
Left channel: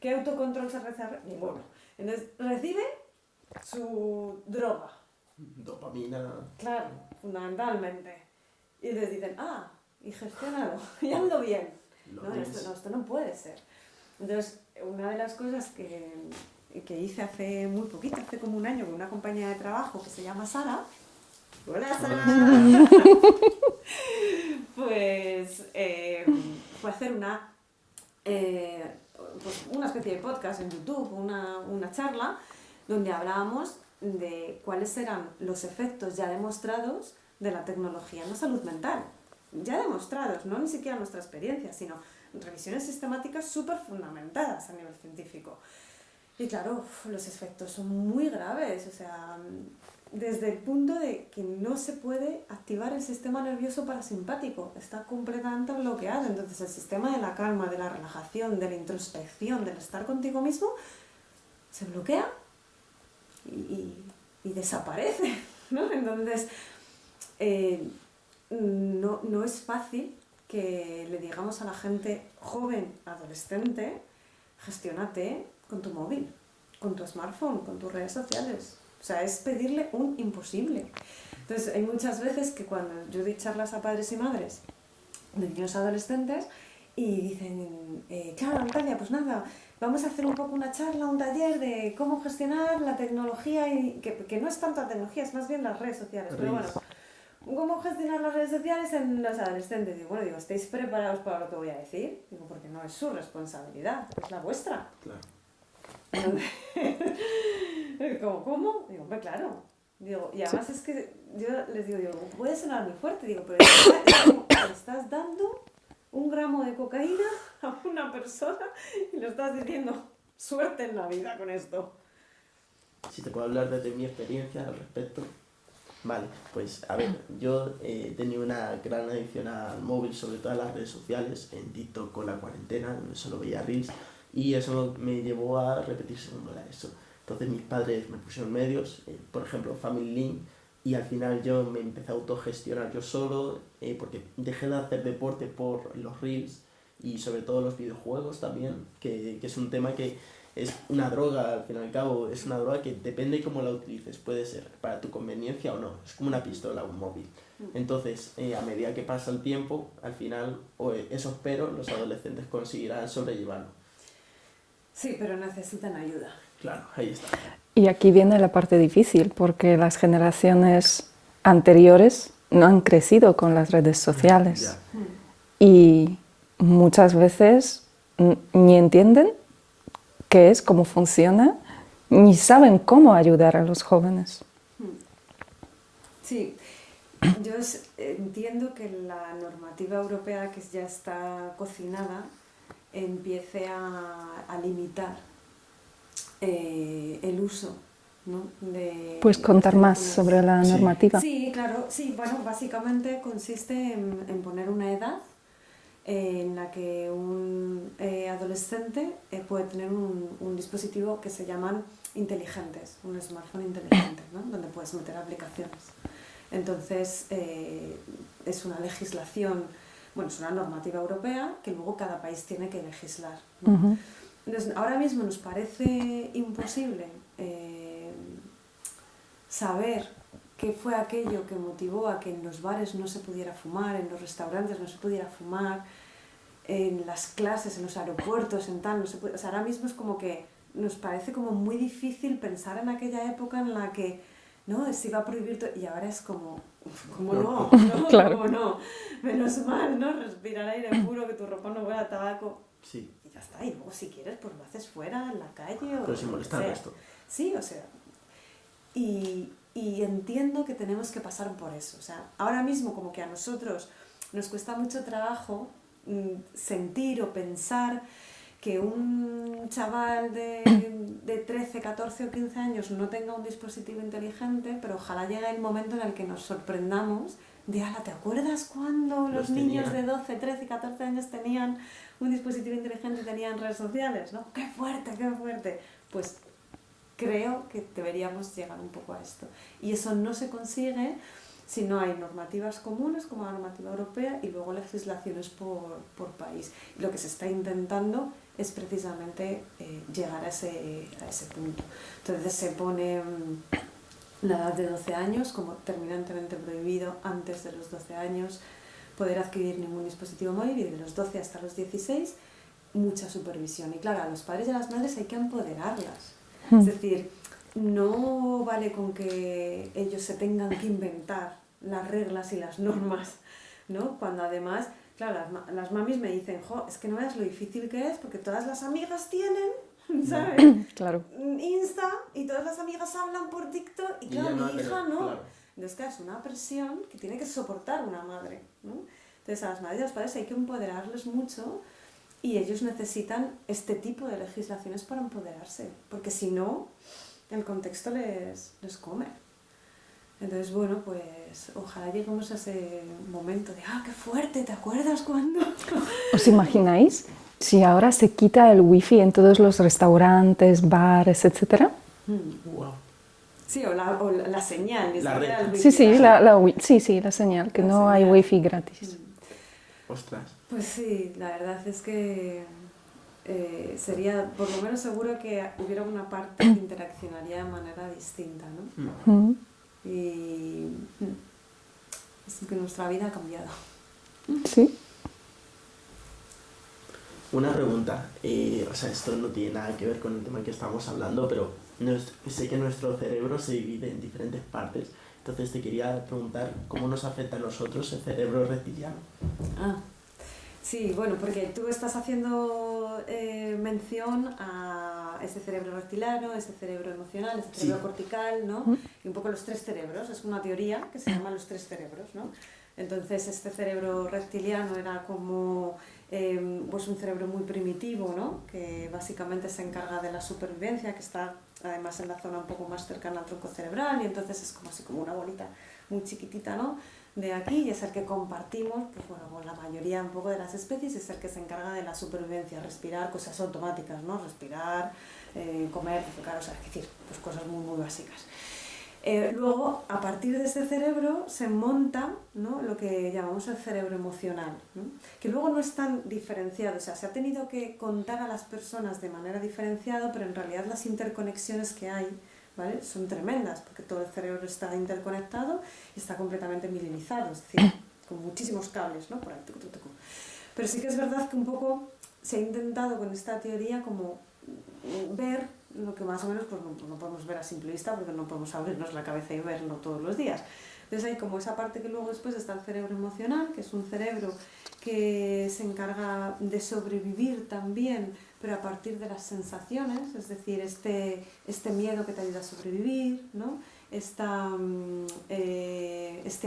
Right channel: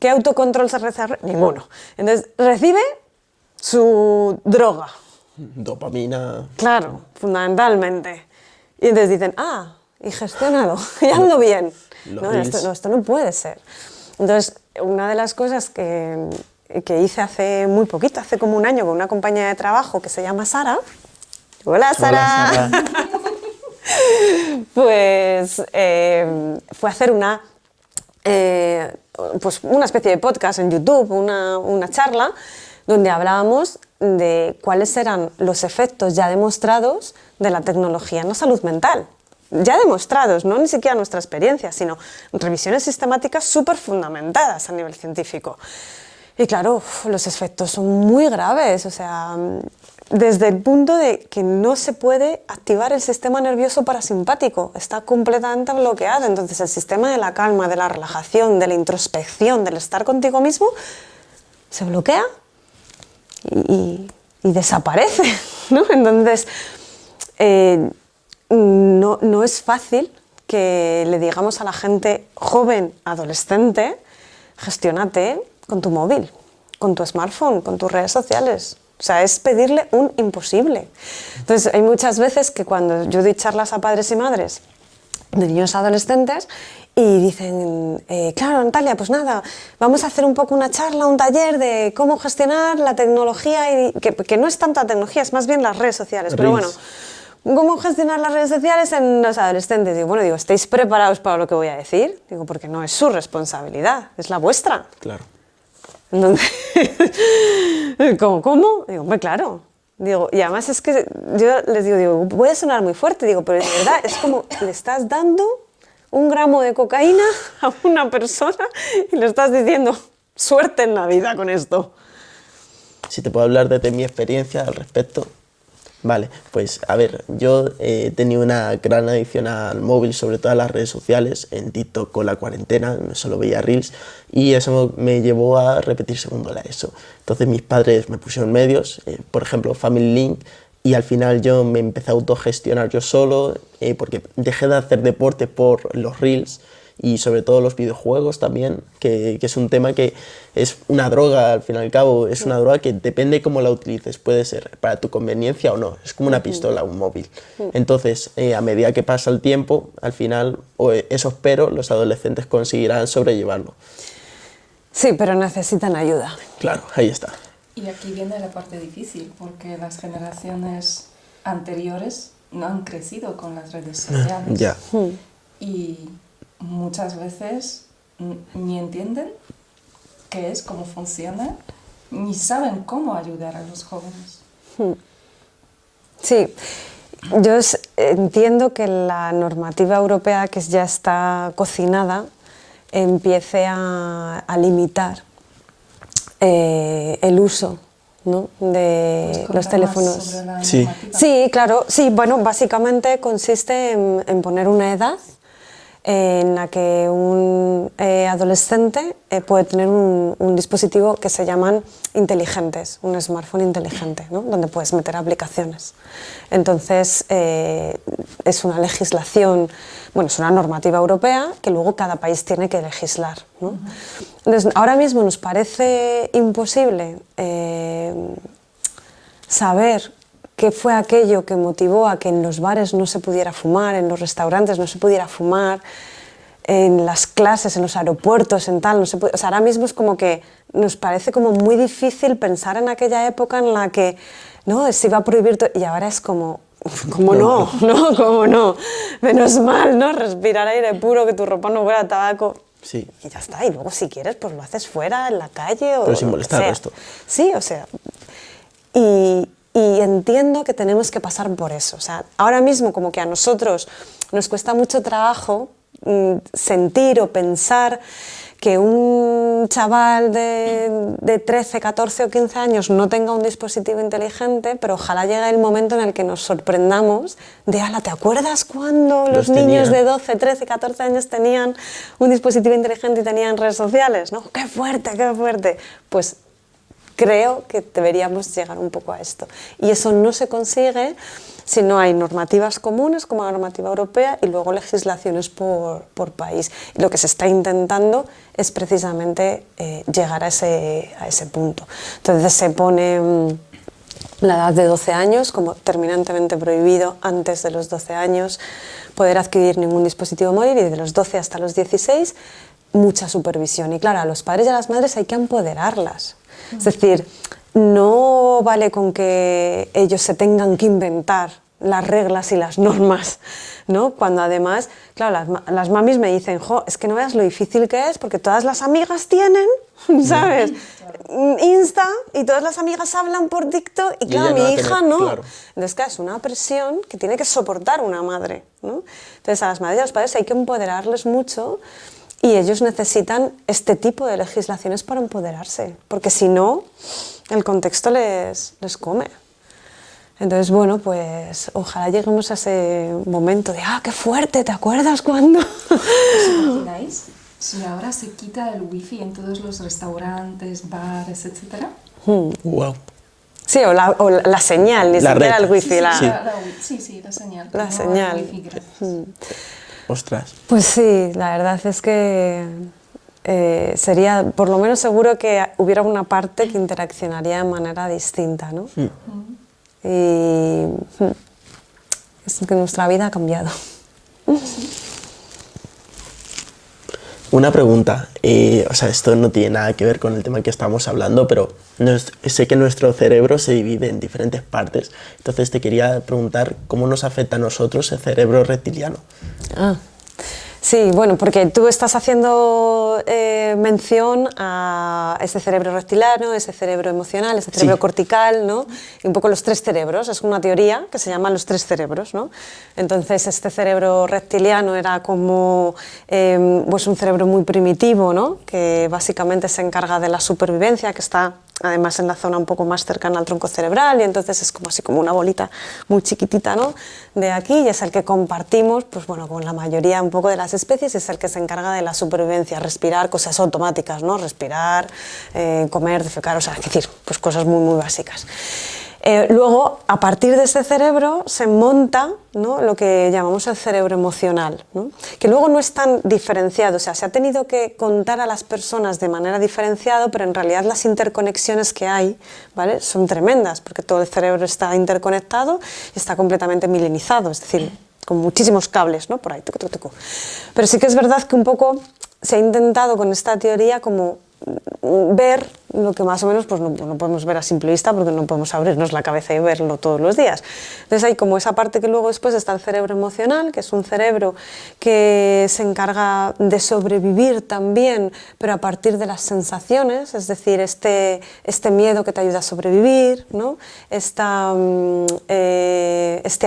¿Qué autocontrol se desarrolla? Ninguno. Entonces, recibe su droga. Dopamina. Claro, fundamentalmente. Y entonces dicen, y gestiónalo, y hazlo bien. Los No, reels. esto no puede ser. Entonces, una de las cosas que hice hace muy poquito, hace como un año, con una compañera de trabajo que se llama Sara. Hola, Sara. Hola, Sara. Pues fue hacer pues una especie de podcast en YouTube, una charla, donde hablábamos de cuáles eran los efectos ya demostrados de la tecnología en la salud mental. Ya demostrados, no ni siquiera nuestra experiencia, sino revisiones sistemáticas súper fundamentadas a nivel científico. Y claro, los efectos son muy graves, o sea, desde el punto de que no se puede activar el sistema nervioso parasimpático, está completamente bloqueado. Entonces el sistema de la calma, de la relajación, de la introspección, del estar contigo mismo, se bloquea y desaparece, ¿no? Entonces, no es fácil que le digamos a la gente joven, adolescente, gestiónate con tu móvil, con tu smartphone, con tus redes sociales. O sea, es pedirle un imposible. Entonces, hay muchas veces que cuando yo doy charlas a padres y madres de niños adolescentes y dicen, claro, Natalia, pues nada, vamos a hacer un poco una charla, un taller de cómo gestionar la tecnología, y que no es tanto la tecnología, es más bien las redes sociales. Pero bueno, ¿cómo gestionar las redes sociales en los adolescentes? Digo, bueno, ¿estáis preparados para lo que voy a decir? Digo, porque no es su responsabilidad, es la vuestra. Claro. Entonces, ¿cómo? Digo, hombre, claro. Digo, y además es que yo les digo, voy a sonar muy fuerte, digo, pero de verdad es como le estás dando un gramo de cocaína a una persona y le estás diciendo, suerte en la vida con esto. Si te puedo hablar desde mi experiencia al respecto, Vale, pues a ver, yo he tenido una gran adicción al móvil, sobre todo a las redes sociales, en TikTok con la cuarentena, solo veía Reels, y eso me llevó a repetir segundo la ESO. Entonces mis padres me pusieron medios, por ejemplo Family Link, y al final yo me empecé a autogestionar yo solo, porque dejé de hacer deporte por los Reels, y sobre todo los videojuegos también, que es un tema que es una droga, al fin y al cabo, es una droga que depende cómo la utilices, puede ser para tu conveniencia o no, es como una pistola, un móvil. Entonces, a medida que pasa el tiempo, al final, o eso espero, los adolescentes conseguirán sobrellevarlo. Sí, pero necesitan ayuda. Claro, ahí está. Y aquí viene la parte difícil, porque las generaciones anteriores no han crecido con las redes sociales. Ya. Y muchas veces ni entienden qué es, cómo funciona, ni saben cómo ayudar a los jóvenes. Sí, yo entiendo que la normativa europea que ya está cocinada empiece a limitar el uso, ¿no?, de Pues los contar teléfonos. más sobre la Sí. normativa. Sí, claro, sí, bueno, básicamente consiste en poner una edad en la que un adolescente puede tener un dispositivo que se llaman inteligentes, un smartphone inteligente, ¿no?, donde puedes meter aplicaciones. Entonces, es una legislación, bueno, es una normativa europea que luego cada país tiene que legislar, ¿no? Entonces, ahora mismo nos parece imposible saber qué fue aquello que motivó a que en los bares no se pudiera fumar, en los restaurantes no se pudiera fumar, en las clases, en los aeropuertos, en tal, no se puede, o sea, ahora mismo es como que nos parece como muy difícil pensar en aquella época en la que, ¿no?, se iba a prohibir todo, y ahora es como no, como no, menos mal, ¿no?, respirar aire puro, que tu ropa no huela a tabaco. Sí. Y ya está, y luego si quieres pues lo haces fuera, en la calle o Pero sin lo que molestar al sea. resto. Sí, o sea, y entiendo que tenemos que pasar por eso. O sea, ahora mismo como que a nosotros nos cuesta mucho trabajo sentir o pensar que un chaval de 13, 14 o 15 años no tenga un dispositivo inteligente, pero ojalá llegue el momento en el que nos sorprendamos de, ala, ¿te acuerdas cuando los niños de 12, 13, 14 años tenían un dispositivo inteligente y tenían redes sociales? ¿No? ¡Qué fuerte, qué fuerte! Pues creo que deberíamos llegar un poco a esto. Y eso no se consigue si no hay normativas comunes como la normativa europea y luego legislaciones por país. Y lo que se está intentando es precisamente llegar a ese punto. Entonces se pone la edad de 12 años como terminantemente prohibido antes de los 12 años poder adquirir ningún dispositivo móvil, y de los 12 hasta los 16 mucha supervisión. Y claro, a los padres y a las madres hay que empoderarlas. Es decir, no vale con que ellos se tengan que inventar las reglas y las normas, ¿no? Cuando además, claro, las mamis me dicen, jo, es que no veas lo difícil que es, porque todas las amigas tienen, ¿sabes? Claro. Insta, y todas las amigas hablan por TikTok, y claro, mi hija no. Claro. Entonces, claro, es una presión que tiene que soportar una madre, ¿no? Entonces, a las madres y a los padres hay que empoderarles mucho. Y ellos necesitan este tipo de legislaciones para empoderarse, porque si no, el contexto les come. Entonces, bueno, pues ojalá lleguemos a ese momento de ¡ah, qué fuerte! ¿Te acuerdas cuándo? ¿Os imagináis si ahora se quita el wifi en todos los restaurantes, bares, etcétera? Wow. Sí, o la señal, ni siquiera el wifi. Sí, la señal, la no señal. el wifi gratis. Ostras. Pues sí, la verdad es que sería, por lo menos seguro que hubiera una parte que interaccionaría de manera distinta, ¿no? Y es que nuestra vida ha cambiado. Sí. Una pregunta, o sea, esto no tiene nada que ver con el tema que estamos hablando, pero sé que nuestro cerebro se divide en diferentes partes, entonces te quería preguntar cómo nos afecta a nosotros el cerebro reptiliano. Sí, bueno, porque tú estás haciendo mención a ese cerebro reptiliano, ese cerebro emocional, ese cerebro cortical, ¿no? Y un poco los tres cerebros. Es una teoría que se llama los tres cerebros, ¿no? Entonces, este cerebro reptiliano era como pues un cerebro muy primitivo, ¿no? Que básicamente se encarga de la supervivencia, que está además en la zona un poco más cercana al tronco cerebral, y entonces es como así como una bolita muy chiquitita, ¿no?, de aquí, y es el que compartimos pues bueno, con la mayoría un poco de las especies, es el que se encarga de la supervivencia, respirar, cosas automáticas, ¿no?, respirar, comer, defecar, o sea, es decir, pues cosas muy, muy básicas. Luego, a partir de ese cerebro se monta, ¿no?, lo que llamamos el cerebro emocional, ¿no?, que luego no es tan diferenciado, o sea, se ha tenido que contar a las personas de manera diferenciada, pero en realidad las interconexiones que hay, ¿vale?, son tremendas, porque todo el cerebro está interconectado y está completamente milenizado, es decir, con muchísimos cables, ¿no?, por ahí, tucu, tucu, tucu. Pero sí que es verdad que un poco se ha intentado con esta teoría como ver lo que más o menos pues no podemos ver a simple vista, porque no podemos abrirnos la cabeza y verlo todos los días. Entonces hay como esa parte que luego después está el cerebro emocional, que es un cerebro que se encarga de sobrevivir también, pero a partir de las sensaciones, es decir, este miedo que te ayuda a sobrevivir, ¿no?, este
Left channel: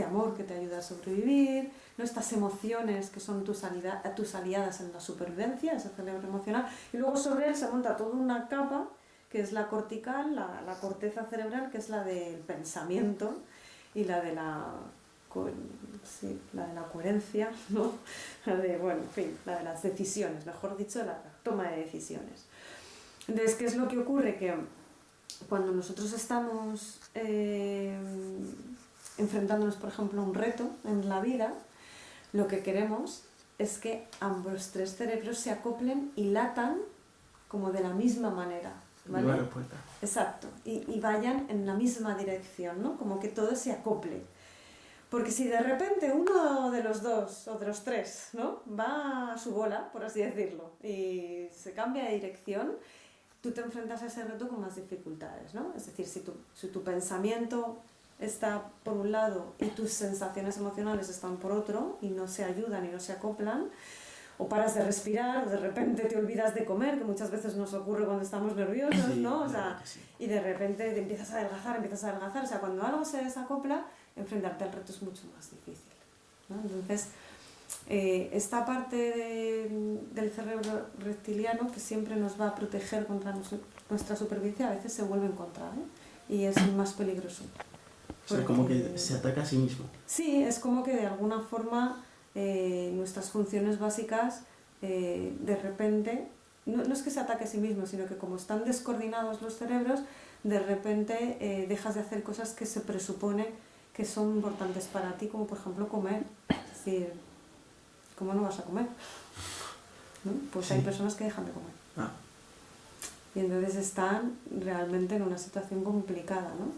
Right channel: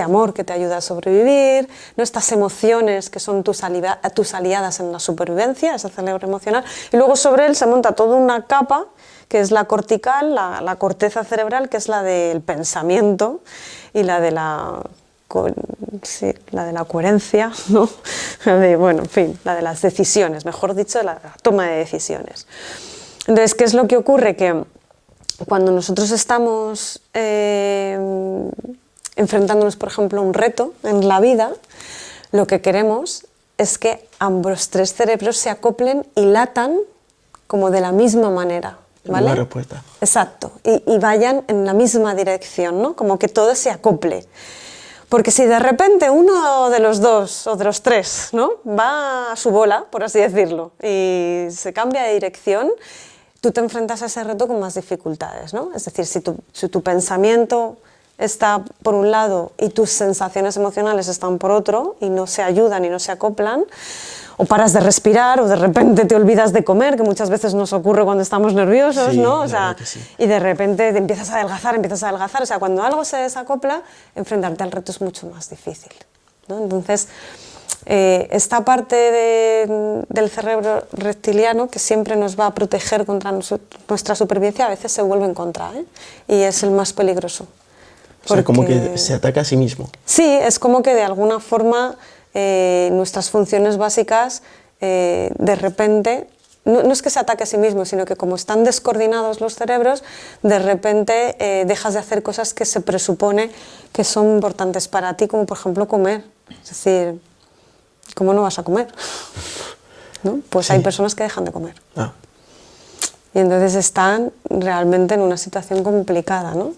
amor que te ayuda a sobrevivir, ¿no?, estas emociones que son tus aliadas en la supervivencia, ese cerebro emocional, y luego sobre él se monta toda una capa que es la cortical, la corteza cerebral, que es la del pensamiento y la de la coherencia, ¿no?, bueno, en fin, la de las decisiones, mejor dicho, la toma de decisiones. Entonces, ¿qué es lo que ocurre? Que cuando nosotros estamos enfrentándonos, por ejemplo, a un reto en la vida, lo que queremos es que ambos tres cerebros se acoplen y latan como de la misma manera, ¿vale? Una respuesta. Exacto, y vayan en la misma dirección, ¿no?, como que todo se acople. Porque si de repente uno de los dos o de los tres, ¿no?, va a su bola, por así decirlo, y se cambia de dirección, tú te enfrentas a ese reto con más dificultades, ¿no? Es decir, si tu pensamiento está por un lado y tus sensaciones emocionales están por otro y no se ayudan y no se acoplan, o paras de respirar, o de repente te olvidas de comer, que muchas veces nos ocurre cuando estamos nerviosos, Sí, ¿no? O la sea, verdad que sí. y de repente te empiezas a adelgazar, o sea, cuando algo se desacopla, enfrentarte al reto es mucho más difícil, ¿no? Entonces, esta parte del cerebro reptiliano, que siempre nos va a proteger contra nuestra supervivencia, a veces se vuelve en contra, ¿eh? Y es el más peligroso. O sea, como que se ataca a sí mismo. Sí, es como que de alguna forma nuestras funciones básicas de repente, no es que se ataque a sí mismo, sino que como están descoordinados los cerebros, de repente dejas de hacer cosas que se presupone que son importantes para ti, como por ejemplo comer. Es decir, ¿cómo no vas a comer? ¿No? Pues sí. Hay personas que dejan de comer. Ah. Y entonces están realmente en una situación complicada, ¿no?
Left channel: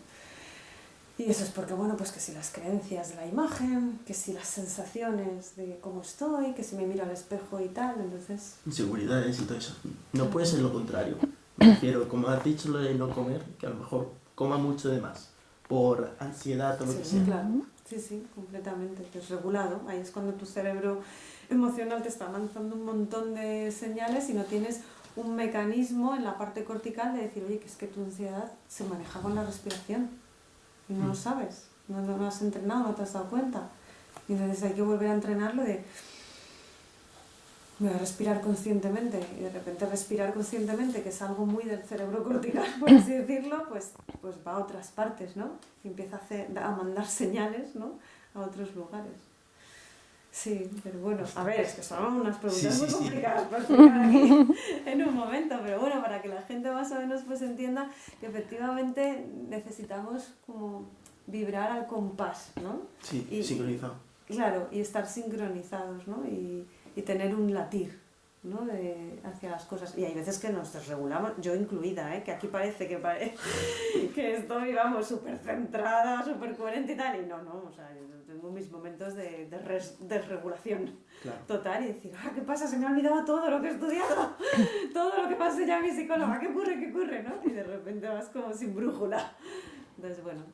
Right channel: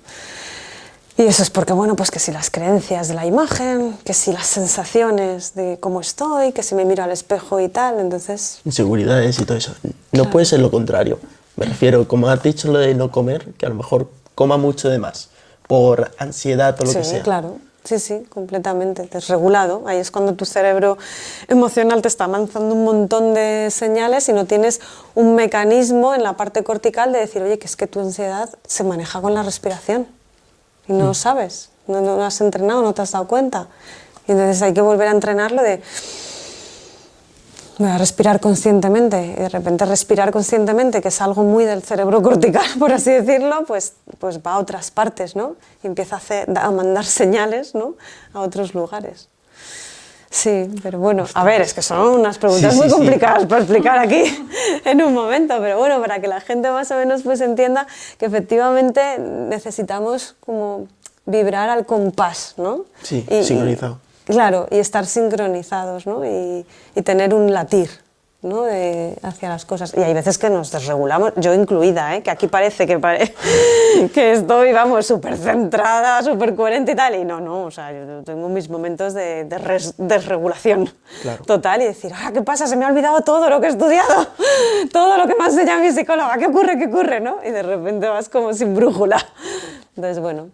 Y eso es porque, bueno, pues que si las creencias de la imagen, que si las sensaciones de cómo estoy, que si me miro al espejo y tal, entonces... Inseguridades y todo eso. No puede ser lo contrario. Me refiero, como has dicho lo de no comer, que a lo mejor coma mucho de más, por ansiedad o lo que sea. Sí, claro. Sí, completamente, desregulado. Ahí es cuando tu cerebro emocional te está lanzando un montón de señales y no tienes un mecanismo en la parte cortical de decir, oye, que es que tu ansiedad se maneja con la respiración. Y no lo sabes, no has entrenado, no te has dado cuenta. Y entonces hay que volver a entrenarlo de... Voy a respirar conscientemente, y de repente respirar conscientemente, que es algo muy del cerebro cortical, por así decirlo, pues va a otras partes, ¿no? Y empieza a mandar señales, ¿no?, a otros lugares. Sí, pero bueno, a ver, es que son unas preguntas muy complicadas para explicar aquí en un momento, pero bueno, para que la gente más o menos pues entienda que efectivamente necesitamos como vibrar al compás, ¿no? Sí, sincronizado. Claro, y estar sincronizados, ¿no? Y tener un latir, ¿no?, hacia las cosas. Y hay veces que nos desregulamos, yo incluida, que aquí parece que estoy, vamos, súper centrada, súper coherente y tal, y no, o sea, yo tengo mis momentos de desregulación total y decir, ¿qué pasa? Se me ha olvidado todo lo que he estudiado, todo lo que me ha enseñado mi psicóloga, ¿qué ocurre, no? Y de repente vas como sin brújula. Entonces, bueno,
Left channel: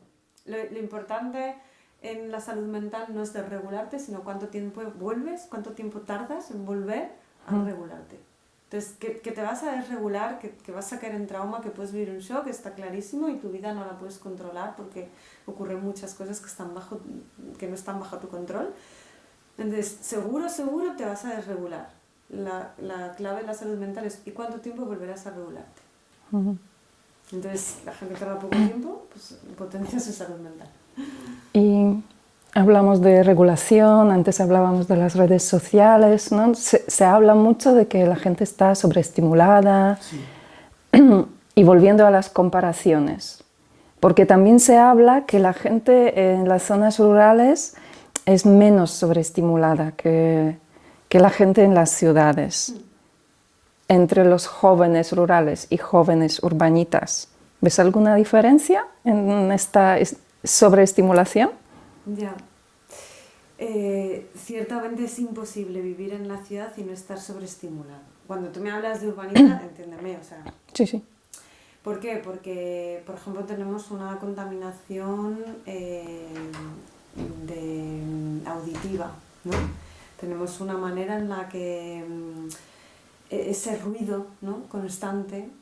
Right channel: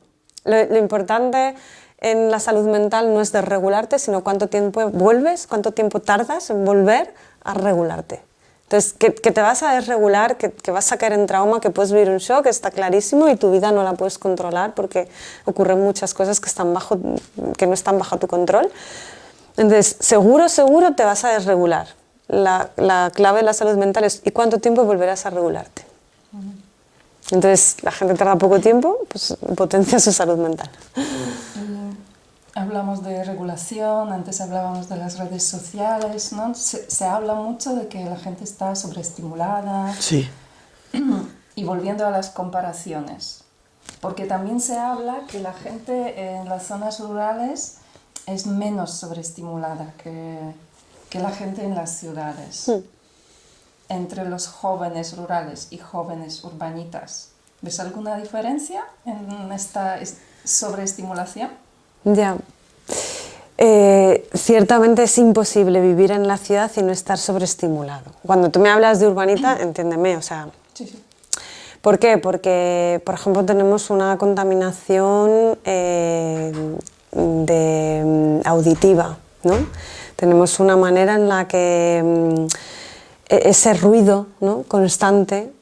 lo importante en la salud mental no es desregularte, sino cuánto tiempo vuelves, cuánto tiempo tardas en volver a regularte. Entonces, que te vas a desregular, que vas a caer en trauma, que puedes vivir un shock, está clarísimo, y tu vida no la puedes controlar porque ocurren muchas cosas que no están bajo tu control. Entonces, seguro te vas a desregular. La clave de la salud mental es ¿y cuánto tiempo volverás a regularte? Entonces, la gente tarda poco tiempo, pues potencia su salud mental. Y hablamos de regulación, antes hablábamos de las redes sociales, ¿no? Se habla mucho de que la gente está sobreestimulada. Sí. Y volviendo a las comparaciones, porque también se habla que la gente en las zonas rurales es menos sobreestimulada que la gente en las ciudades. Entre los jóvenes rurales y jóvenes urbanitas, ¿ves alguna diferencia en esta sobreestimulación? Ya. Ciertamente es imposible vivir en la ciudad y no estar sobreestimulado. Cuando tú me hablas de urbanita, entiéndeme, o sea... Sí, sí. ¿Por qué? Porque, por ejemplo, tenemos una contaminación auditiva, ¿no? Tenemos una manera en la que ese ruido, ¿no?, constante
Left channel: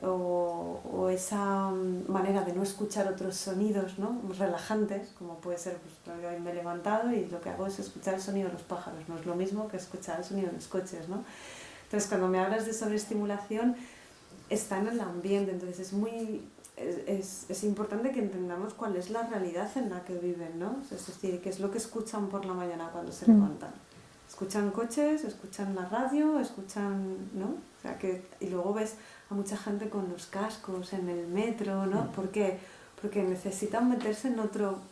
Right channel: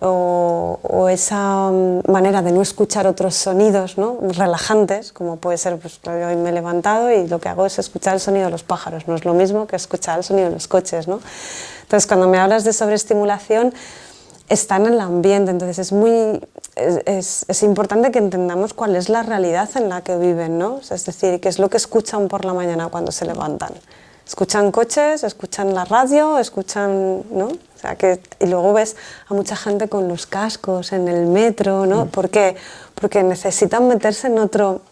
o esa manera de no escuchar otros sonidos, ¿no?, relajantes, como puede ser, pues hoy me he levantado y lo que hago es escuchar el sonido de los pájaros, no es lo mismo que escuchar el sonido de los coches, ¿no? Entonces, cuando me hablas de sobreestimulación, está en el ambiente, entonces es importante que entendamos cuál es la realidad en la que viven, ¿no? Es decir, qué es lo que escuchan por la mañana cuando se levantan. Escuchan coches, escuchan la radio, escuchan, ¿no? O sea, y luego ves a mucha gente con los cascos en el metro, ¿no? ¿Por qué? Porque necesitan meterse en otro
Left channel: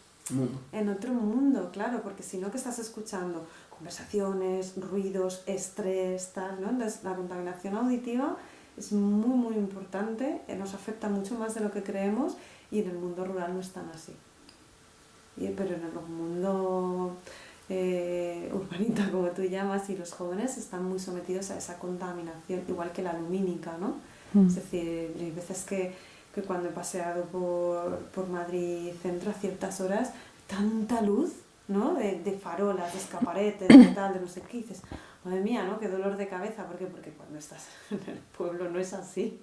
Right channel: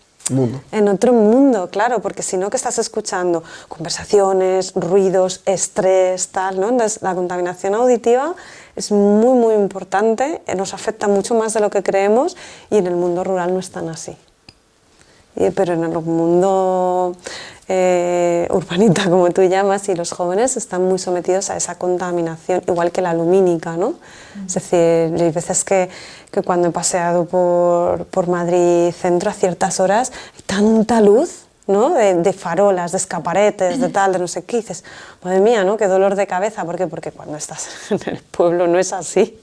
mundo, claro, porque si no, ¿qué estás escuchando? Conversaciones, ruidos, estrés, tal, ¿no? Entonces, la contaminación auditiva es muy, muy importante, nos afecta mucho más de lo que creemos y en el mundo rural no es tan así. Pero en el mundo urbanita, como tú llamas, y los jóvenes están muy sometidos a esa contaminación, igual que la lumínica, ¿no? Es decir, hay veces que cuando he paseado por Madrid Centro a ciertas horas hay tanta luz, ¿no? De farolas, de escaparetes, de tal, de no sé qué, y dices, madre mía, ¿no? Qué dolor de cabeza. ¿Por qué? Porque cuando estás en el pueblo no es así.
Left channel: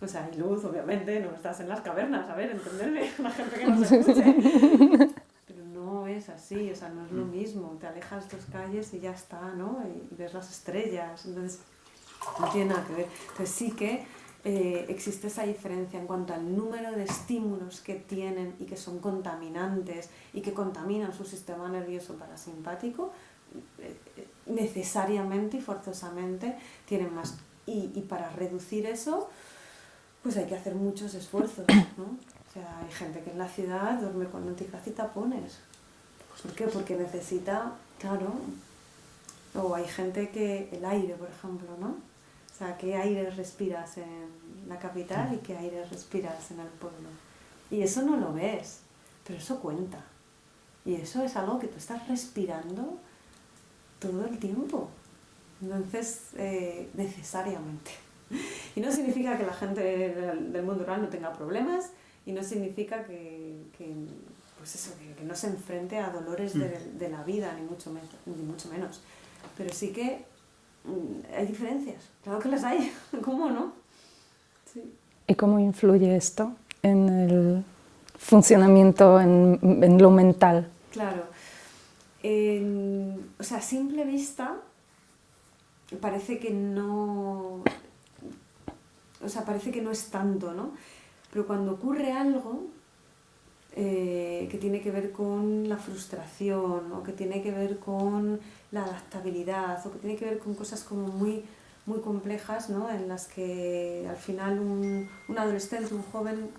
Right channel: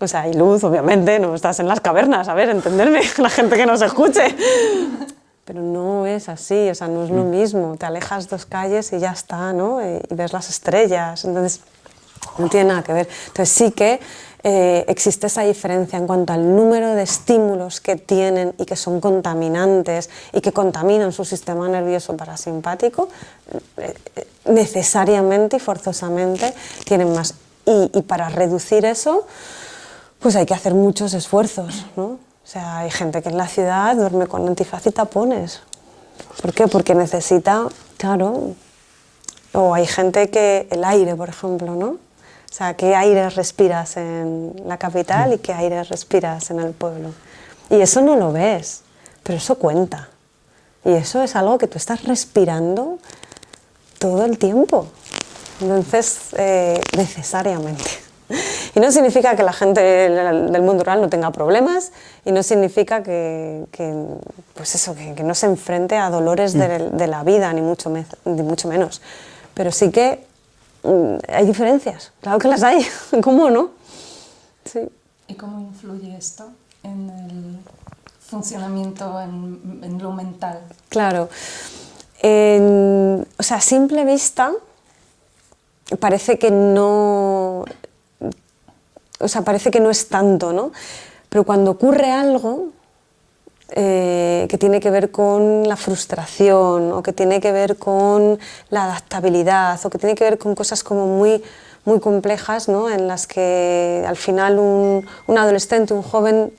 O sea, hay luz, obviamente, no estás en las cavernas, a ver, entenderme, la gente que nos escuche. Pero no es así, o sea, no es lo mismo. Te alejas 2 calles y ya está, ¿no? Y ves las estrellas, entonces no tiene nada que ver. Entonces sí que existe esa diferencia en cuanto al número de estímulos que tienen y que son contaminantes y que contaminan su sistema nervioso parasimpático, necesariamente y forzosamente tienen más. Y para reducir eso, pues hay que hacer muchos esfuerzos, ¿no? O sea, hay gente que en la ciudad duerme con antifaz y tapones. ¿Por qué? Porque necesita, claro, o hay gente que el aire, por ejemplo, ¿no? O sea, ¿qué aire respiras en la capital y qué aire respiras en el pueblo? Y eso no lo ves, pero eso cuenta. Y eso es algo que tú estás respirando todo el tiempo. Entonces, necesariamente. Y no significa que la gente del mundo rural no tenga problemas y no significa que no se enfrente a dolores de la vida, ni mucho menos. Pero sí que hay diferencias, claro que las hay, ¿cómo no? Sí. ¿Y cómo influye esto en el funcionamiento, en lo mental? Claro. O sea, a simple vista parece que no... O sea, parece que no es tanto, ¿no? Pero cuando ocurre algo que tiene que ver con la frustración o que tiene que ver con la adaptabilidad o que tiene que ver con cosas como muy, muy complejas, ¿no? En las que al final un adolescente, un joven,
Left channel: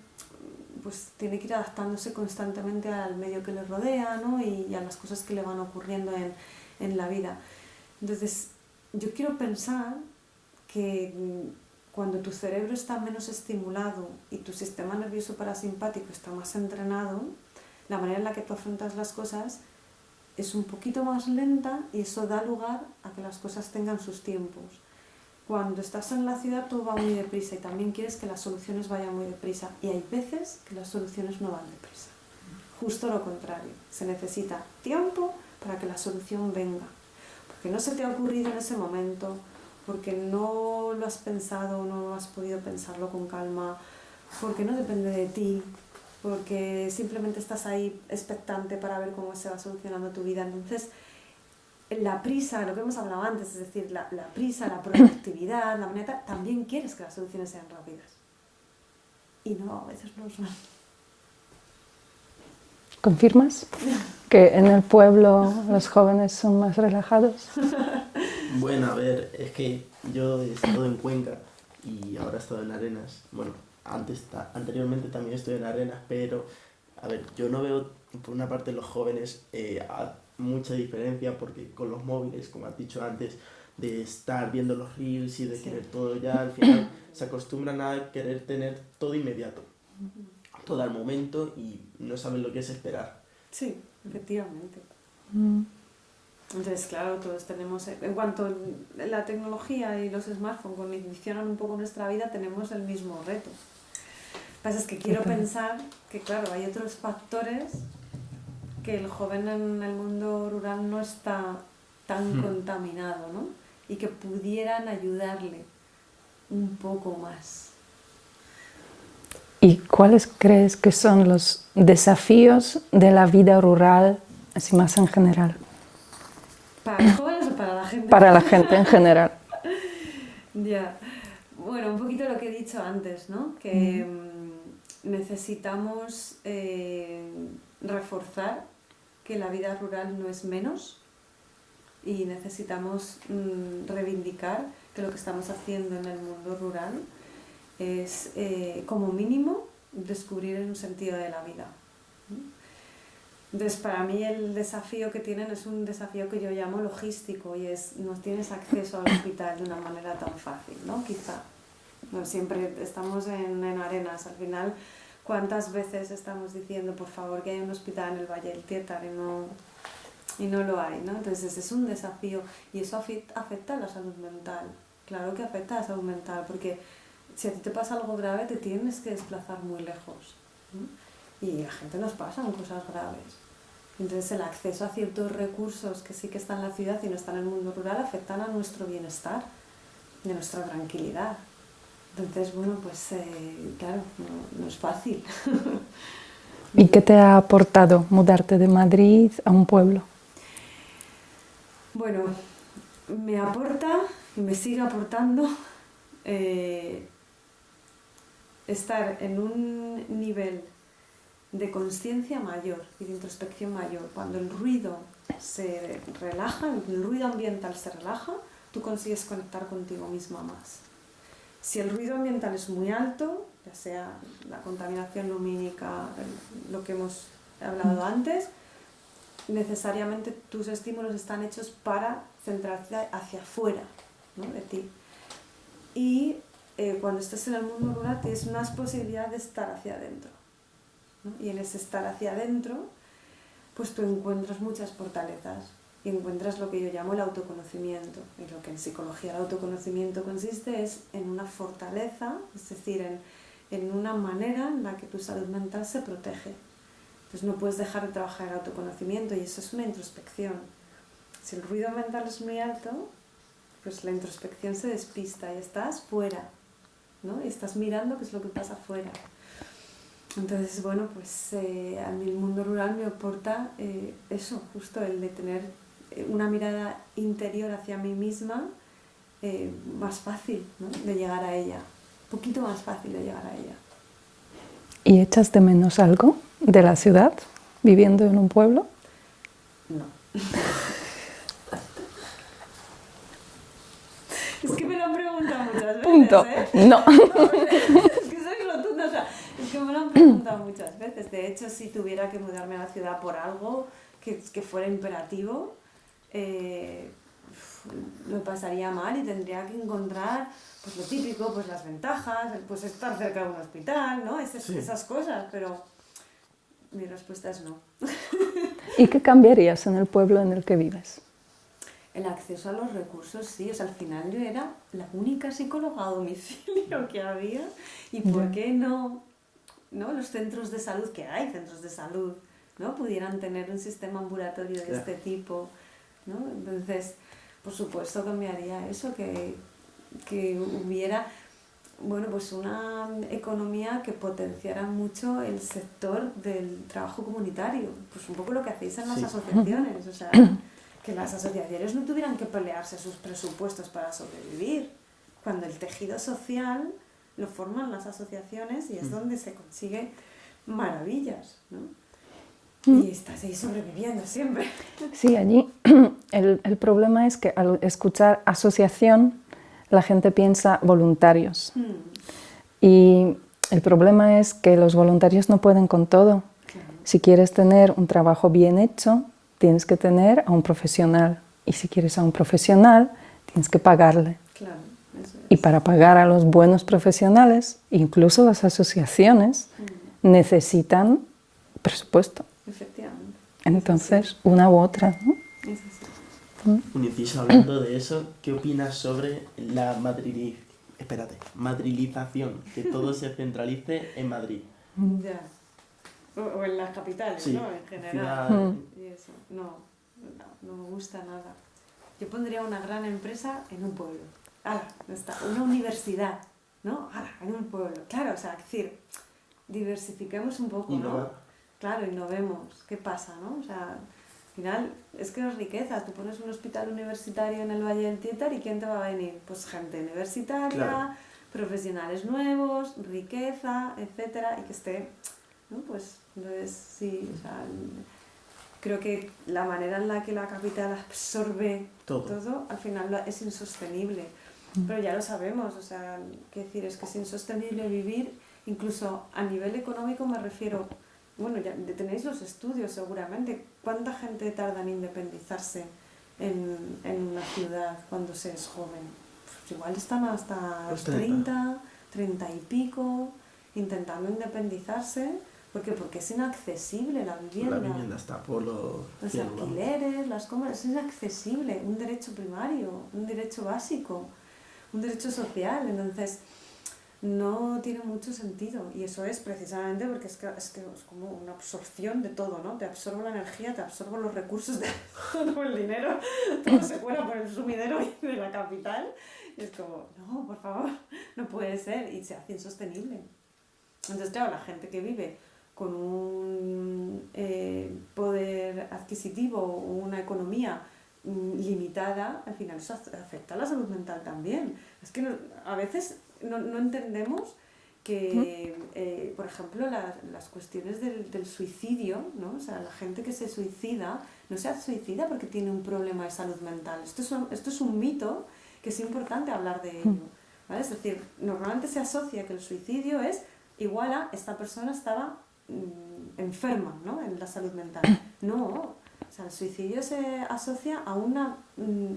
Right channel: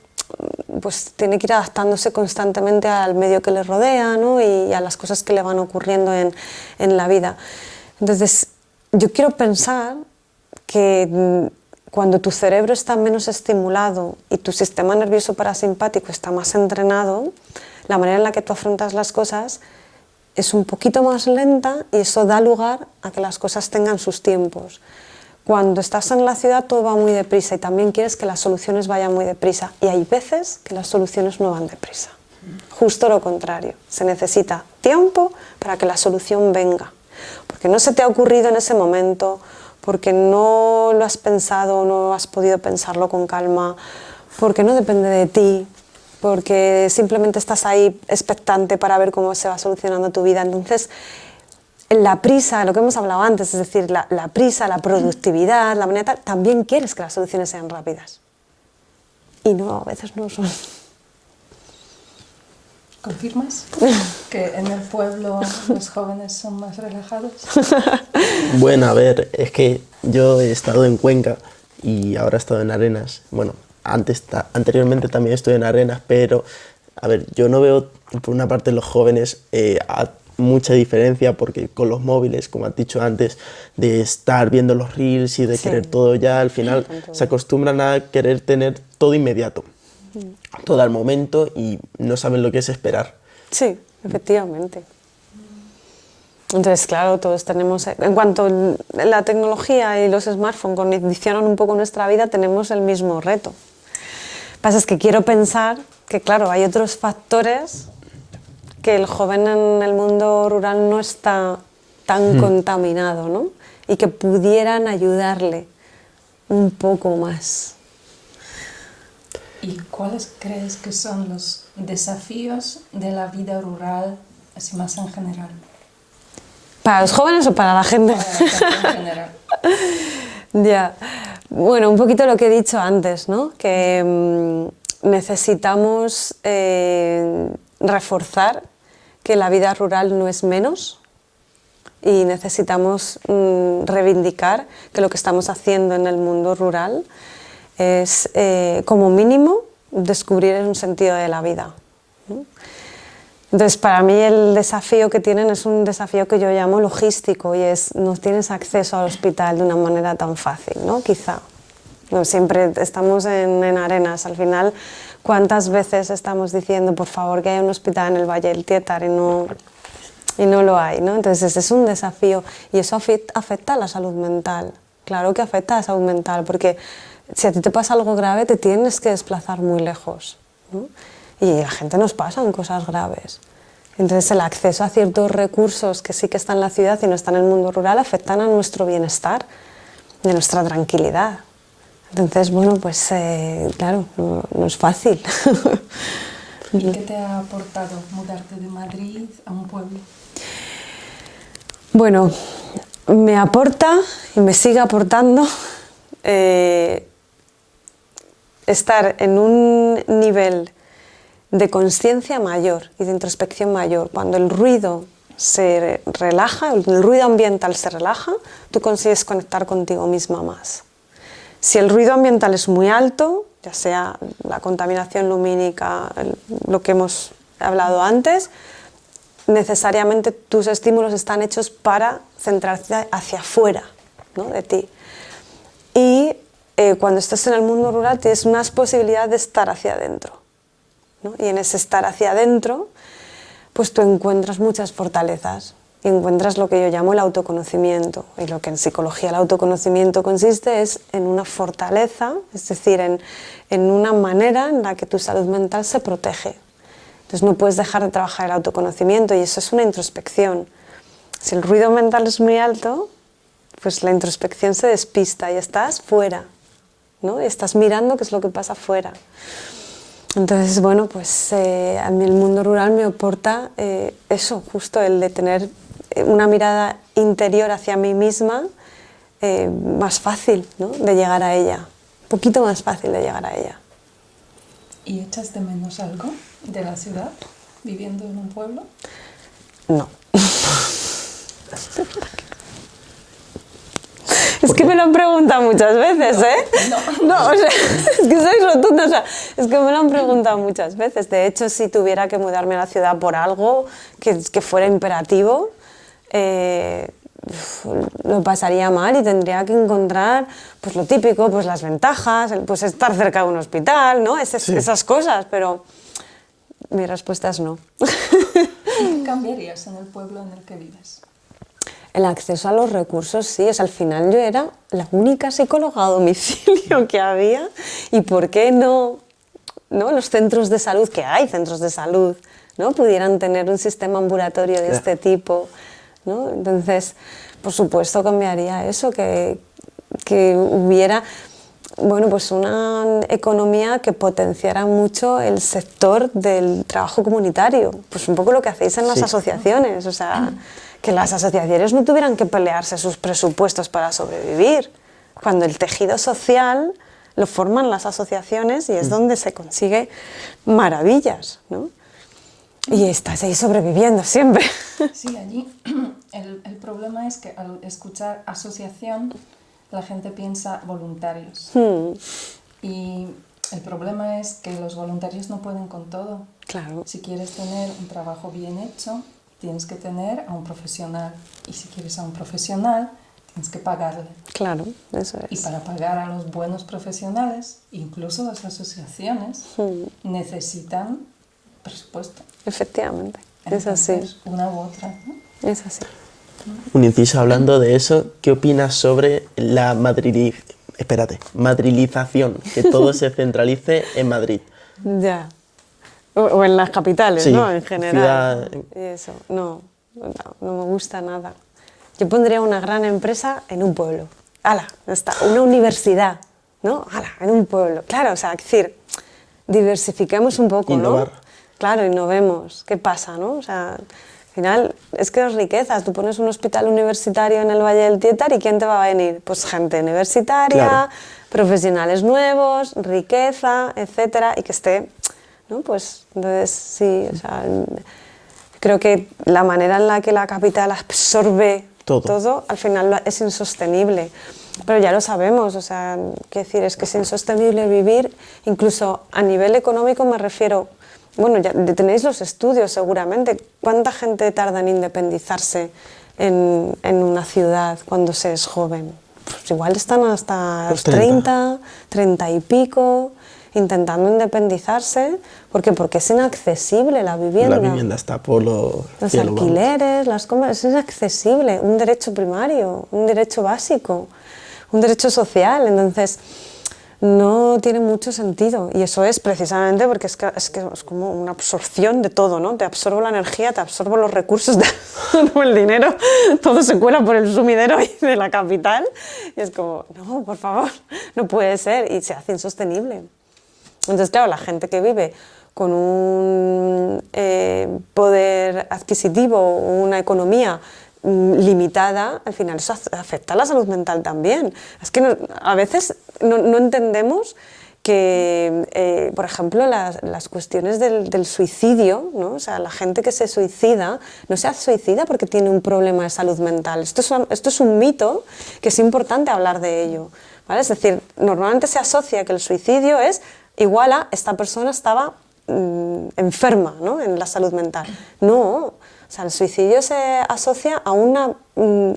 pues tiene que ir adaptándose constantemente al medio que le rodea, ¿no? Y a las cosas que le van ocurriendo en la vida. Entonces, yo quiero pensar que cuando tu cerebro está menos estimulado y tu sistema nervioso parasimpático está más entrenado, la manera en la que tú afrontas las cosas es un poquito más lenta y eso da lugar a que las cosas tengan sus tiempos. Cuando estás en la ciudad todo va muy deprisa y también quieres que las soluciones vayan muy deprisa y hay veces que las soluciones no van deprisa. Justo lo contrario, se necesita tiempo para que la solución venga, porque no se te ha ocurrido en ese momento, porque no lo has pensado, no has podido pensarlo con calma, porque no depende de ti, porque simplemente estás ahí expectante para ver cómo se va solucionando tu vida. Entonces, la prisa, lo que hemos hablado antes, es decir, la prisa, la productividad, la manera, también quieres que las soluciones sean rápidas. Y no, a veces no son. ¿Confirmas que en el pueblo los jóvenes son más relajados? Bueno, a ver, es que yo he estado en Cuenca y ahora he estado en Arenas. Bueno, anteriormente también estuve en Arenas, pero, a ver, yo no veo, por una parte, los jóvenes mucha diferencia, porque con los móviles, como has dicho antes, de estar viendo los reels y de querer todo ya, al final se acostumbran a querer tener todo inmediato, todo al momento, y no saben lo que es esperar. Sí, efectivamente. Entonces, claro, todos tenemos, en cuanto la tecnología y los smartphones condicionan un poco nuestra vida, tenemos el mismo reto. Lo que pasa es que quiero pensar que, claro, hay otros factores que el joven en el mundo rural no está tan contaminado, ¿no? Y que pudieran ayudarle un poco más. ¿Y cuáles crees que son los desafíos de la vida rural, así más en general? ¿Para los jóvenes o para la gente? Para la gente en general. Ya. Bueno, un poquito lo que he dicho antes, ¿no? Que necesitamos reforzar que la vida rural no es menos, y necesitamos reivindicar que lo que estamos haciendo en el mundo rural es, como mínimo, descubrir un sentido de la vida, ¿no? Entonces, para mí el desafío que tienen es un desafío que yo llamo logístico, y es: no tienes acceso al hospital de una manera tan fácil, ¿no? Quizá. No, siempre estamos en Arenas, al final, ¿cuántas veces estamos diciendo, por favor, que haya un hospital en el Valle del Tietar, y no lo hay, ¿no? Entonces, es un desafío, y eso afecta a la salud mental. Claro que afecta a la salud mental, porque si a ti te pasa algo grave, te tienes que desplazar muy lejos, ¿no? Y a la gente nos pasan cosas graves. Entonces, el acceso a ciertos recursos que sí que están en la ciudad y no están en el mundo rural afectan a nuestro bienestar, de nuestra tranquilidad. Entonces, bueno, pues claro, no es fácil. ¿Y qué te ha aportado mudarte de Madrid a un pueblo? Bueno, me aporta y me sigue aportando estar en un nivel de conciencia mayor y de introspección mayor. Cuando el ruido se relaja, el ruido ambiental se relaja, tú consigues conectar contigo misma más. Si el ruido ambiental es muy alto, ya sea la contaminación lumínica, lo que hemos hablado antes, necesariamente tus estímulos están hechos para centrarse hacia afuera, ¿no?, de ti. Y cuando estás en el mundo rural tienes más posibilidad de estar hacia adentro, ¿no? Y en ese estar hacia adentro, pues tú encuentras muchas fortalezas. Y encuentras lo que yo llamo el autoconocimiento. Y lo que en psicología el autoconocimiento consiste es en una fortaleza, es decir, en una manera en la que tu salud mental se protege. Entonces no puedes dejar de trabajar el autoconocimiento, y eso es una introspección. Si el ruido mental es muy alto, pues la introspección se despista y estás fuera, ¿no? Y estás mirando qué es lo que pasa fuera. Entonces, bueno, pues a mí el mundo rural me aporta eso, justo el de tener una mirada interior hacia mí misma, más fácil, ¿no?, de llegar a ella, un poquito más fácil de llegar a ella. ¿Y echas de menos algo de la ciudad viviendo en un pueblo? No. Es que me lo han preguntado muchas veces, ¿eh? No, o sea, es que soy rotunda, o sea, es que me lo han preguntado muchas veces. De hecho, si tuviera que mudarme a la ciudad por algo que fuera imperativo, lo pasaría mal y tendría que encontrar, pues lo típico, pues las ventajas, pues estar cerca de un hospital, ¿no? Esas cosas, pero mi respuesta es no. ¿Y qué cambiarías en el pueblo en el que vives? El acceso a los recursos, sí. Al final yo era la única psicóloga a domicilio que había, y ¿por qué no los centros de salud, que hay centros de salud, ¿no?, pudieran tener un sistema ambulatorio de este tipo, ¿no? Entonces, por supuesto, cambiaría eso, que hubiera, bueno, pues una economía que potenciara mucho el sector del trabajo comunitario, pues un poco lo que hacéis en las asociaciones, o sea, que las asociaciones no tuvieran que pelearse sus presupuestos para sobrevivir, cuando el tejido social lo forman las asociaciones y es donde se consigue maravillas, ¿no? Y estás ahí sobreviviendo siempre. Sí, allí el problema es que al escuchar asociación la gente piensa voluntarios. Y el problema es que los voluntarios no pueden con todo. Claro. Si quieres tener un trabajo bien hecho, tienes que tener a un profesional. Y si quieres a un profesional, tienes que pagarle. Claro, eso es. Y para pagar a los buenos profesionales, incluso las asociaciones, necesitan presupuesto. Efectivamente. Entonces, una u otra, ¿no? Es así. Un inciso hablando de eso, ¿qué opinas sobre la madrilización? Que todo se centralice en Madrid. Ya. O en las capitales, Sí, ¿no? En general. ciudad- Y eso, no me gusta nada. Yo pondría una gran empresa en un pueblo. ¡Hala! Está. Una universidad, ¿no? ¡Hala! En un pueblo. Claro, o sea, es decir, diversifiquemos un poco, Innovar. ¿no? Claro, innovemos. ¿Qué pasa, no? O sea, al final es que es riquezas. Tú pones un hospital universitario en el Valle del Tietar y ¿quién te va a venir? Pues gente universitaria, Claro. profesionales nuevos, riqueza, etcétera, y que esté, ¿no? Pues entonces sí, o sea, creo que la manera en la que la capital absorbe todo al final es insostenible. Pero ya lo sabemos, o sea, quiero decir, es que es insostenible vivir, incluso a nivel económico me refiero, bueno, ya tenéis los estudios seguramente, ¿cuánta gente tarda en independizarse en una ciudad cuando se es joven? Pues igual están hasta los 30, 30 y pico, intentando independizarse. ¿Por qué? Porque es inaccesible la vivienda. La vivienda está por los cielos, vamos. Alquileres, las compras, es inaccesible. Un derecho primario, un derecho básico, un derecho social. Entonces, no tiene mucho sentido. Y eso es precisamente porque es como una absorción de todo, ¿no? Te absorbo la energía, te absorbo los recursos, te absorbo el dinero, todo se cuela por el sumidero de la capital. Y es como, no, por favor, no puede ser. Y se hace insostenible. Entonces, claro, la gente que vive con un poder adquisitivo, una economía limitada, al final eso afecta a la salud mental también. Es que a veces no entendemos que, por ejemplo, las cuestiones del suicidio, ¿no? O sea, la gente que se suicida no se suicida porque tiene un problema de salud mental. Esto es un mito que es importante hablar de ello, ¿vale? Es decir, normalmente se asocia que el suicidio es igual a esta persona estaba enferma, ¿no? En la salud mental. No, o sea, el suicidio se asocia a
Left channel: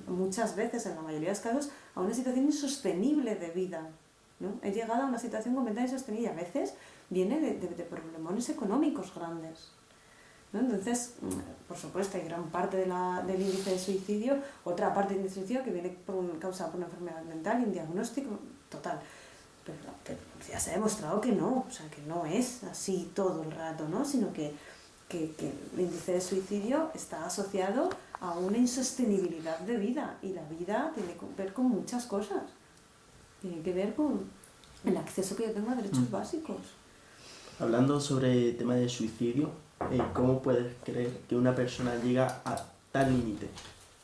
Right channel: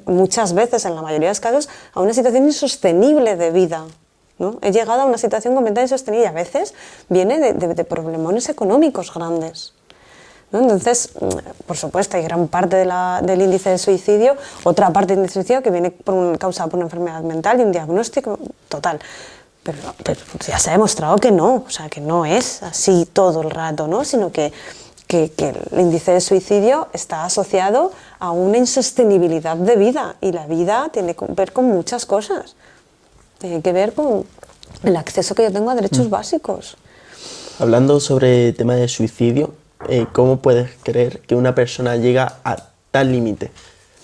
muchas veces, en la mayoría de los casos, a una situación insostenible de vida, ¿no? He llegado a una situación completamente insostenible y a veces viene de problemones económicos grandes, ¿no? Entonces, por supuesto, hay gran parte del índice de suicidio, otra parte del índice de suicidio que viene causada por una enfermedad mental y un diagnóstico total. Pero ya se ha demostrado que no, o sea, que no es así todo el rato, ¿no? Sino que el índice de suicidio está asociado a una insostenibilidad de vida y la vida tiene que ver con muchas cosas. Tiene que ver con el acceso que yo tengo a derechos básicos. Hablando sobre el tema de suicidio, ¿cómo puedes creer que una persona llega a tal límite?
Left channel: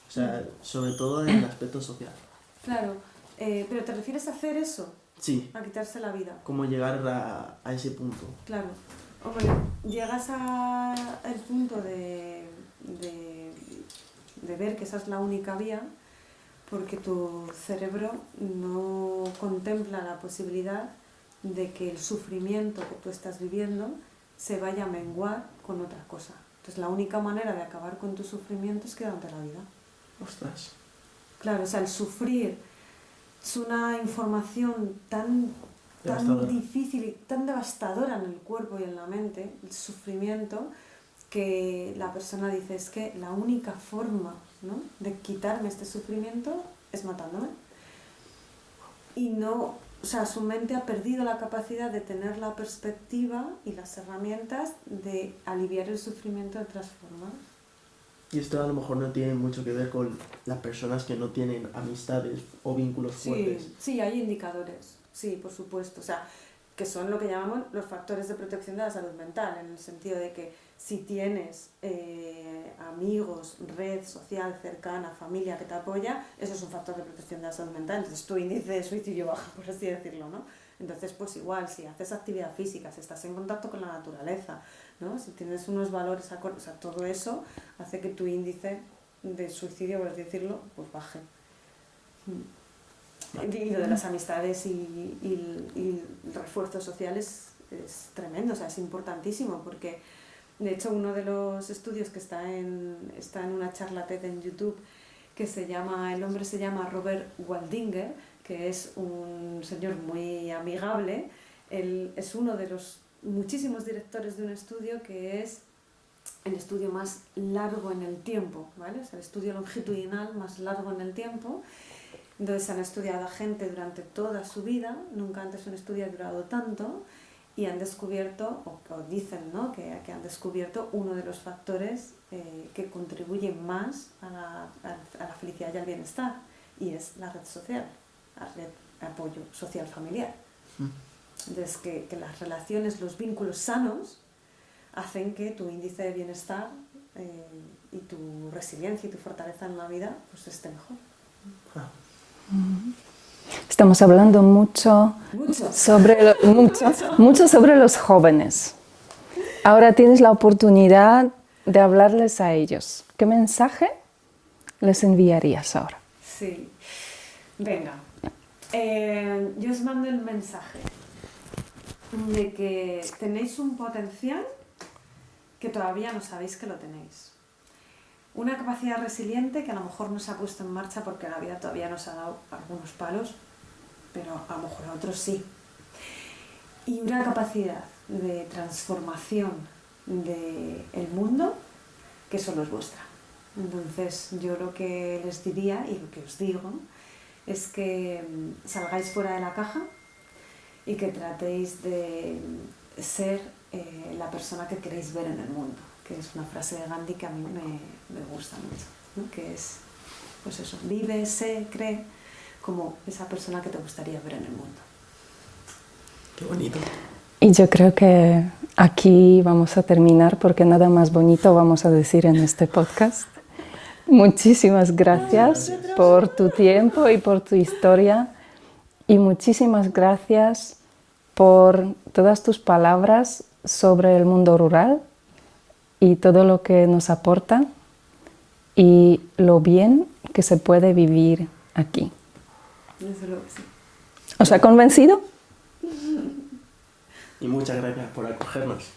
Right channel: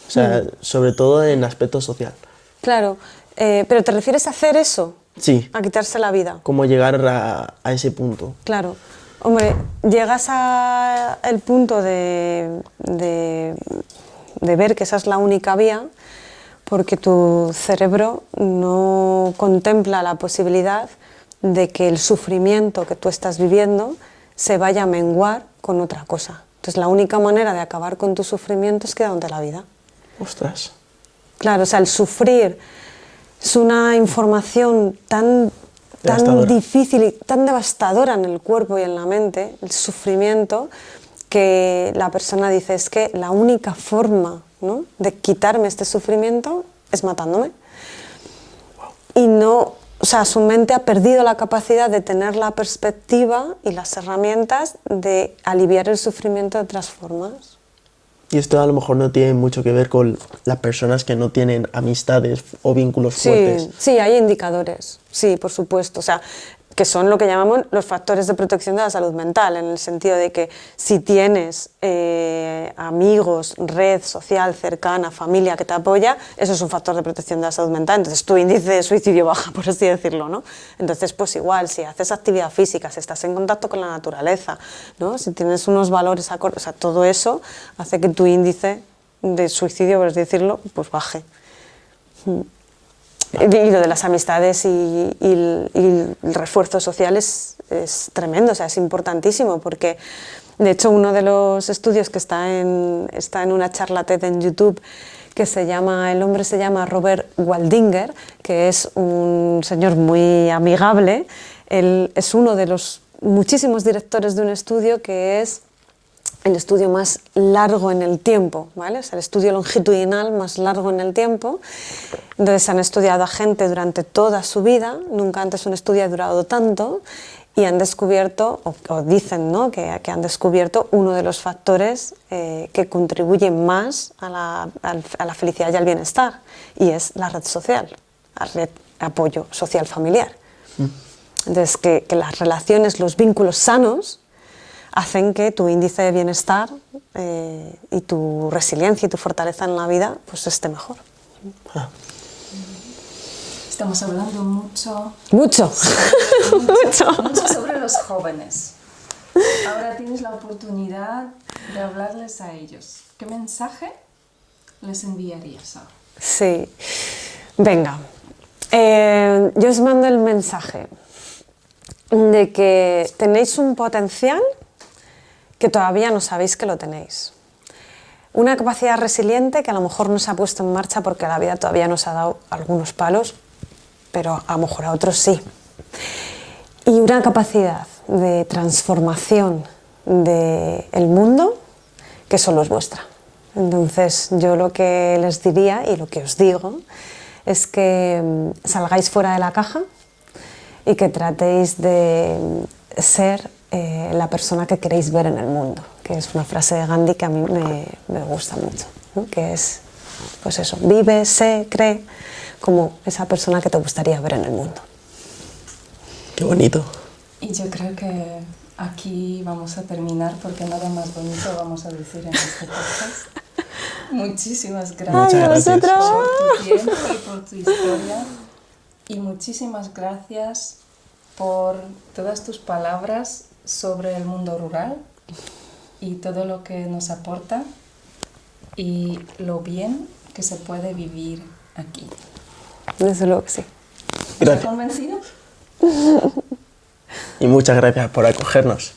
O sea, sobre todo en aspecto social. Claro, pero ¿te refieres a hacer eso? Sí. A quitarse la vida. ¿Cómo llegar a ese punto? Claro. Hombre, llegas al punto de ver que esa es la única vía porque tu cerebro no contempla la posibilidad de que el sufrimiento que tú estás viviendo se vaya a menguar con otra cosa. Entonces, la única manera de acabar con tu sufrimiento es quedándote la vida. Ostras. Claro, o sea, el sufrir es una información tan difícil y tan devastadora en el cuerpo y en la mente, el sufrimiento, que la persona dice, es que la única forma, ¿no?, de quitarme este sufrimiento es matándome. Y no, o sea, su mente ha perdido la capacidad de tener la perspectiva y las herramientas de aliviar el sufrimiento de otras formas. Y esto a lo mejor no tiene mucho que ver con las personas que no tienen amistades o vínculos fuertes. Sí, hay indicadores, sí, por supuesto. O sea, que son lo que llamamos los factores de protección de la salud mental, en el sentido de que si tienes amigos, red social cercana, familia que te apoya, eso es un factor de protección de la salud mental, entonces tu índice de suicidio baja, por así decirlo, ¿no? Entonces, pues igual, si haces actividad física, si estás en contacto con la naturaleza, ¿no? Si tienes unos valores acordes, o sea, todo eso hace que tu índice de suicidio, por así decirlo, pues baje. Y lo de las amistades y el refuerzo social es tremendo, o sea, es importantísimo, porque de hecho uno de los estudios que está en una charla TED en YouTube, el hombre se llama Robert Waldinger, que es un señor muy amigable. Él es uno de los muchísimos directores de un estudio que es el estudio más largo en el tiempo, ¿vale? O sea, el estudio longitudinal más largo en el tiempo. Entonces han estudiado a gente durante toda su vida, nunca antes un estudio ha durado tanto, y han descubierto, o dicen, ¿no?, que han descubierto uno de los factores que contribuyen más a la felicidad y al bienestar, y es la red social, la red de apoyo social familiar. Entonces, que las relaciones, los vínculos sanos, hacen que tu índice de bienestar y tu resiliencia y tu fortaleza en la vida pues esté mejor. Estamos hablando mucho Mucho sobre los jóvenes. Ahora tienes la oportunidad de hablarles a ellos. ¿Qué mensaje les enviarías ahora? Sí, venga, yo os mando el mensaje de que tenéis un potencial que todavía no sabéis que lo tenéis. Una capacidad resiliente que a lo mejor no se ha puesto en marcha porque la vida todavía nos ha dado algunos palos, pero a lo mejor a otros sí. Y una capacidad de transformación del mundo que solo es vuestra. Entonces, yo lo que les diría y lo que os digo es que salgáis fuera de la caja y que tratéis de ser la persona que queréis ver en el mundo, que es una frase de Gandhi que a mí me gusta mucho, ¿no? Que es, pues eso, vive, sé, cree como esa persona que te gustaría ver en el mundo. Qué bonito. Y yo creo que aquí vamos a terminar porque nada más bonito vamos a decir en este podcast. Muchísimas gracias por tu tiempo y por tu historia, y muchísimas gracias por todas tus palabras sobre el mundo rural y todo lo que nos aporta y lo bien que se puede vivir aquí. Desde luego que sí. ¿Os ha convencido? Y muchas gracias por acogernos.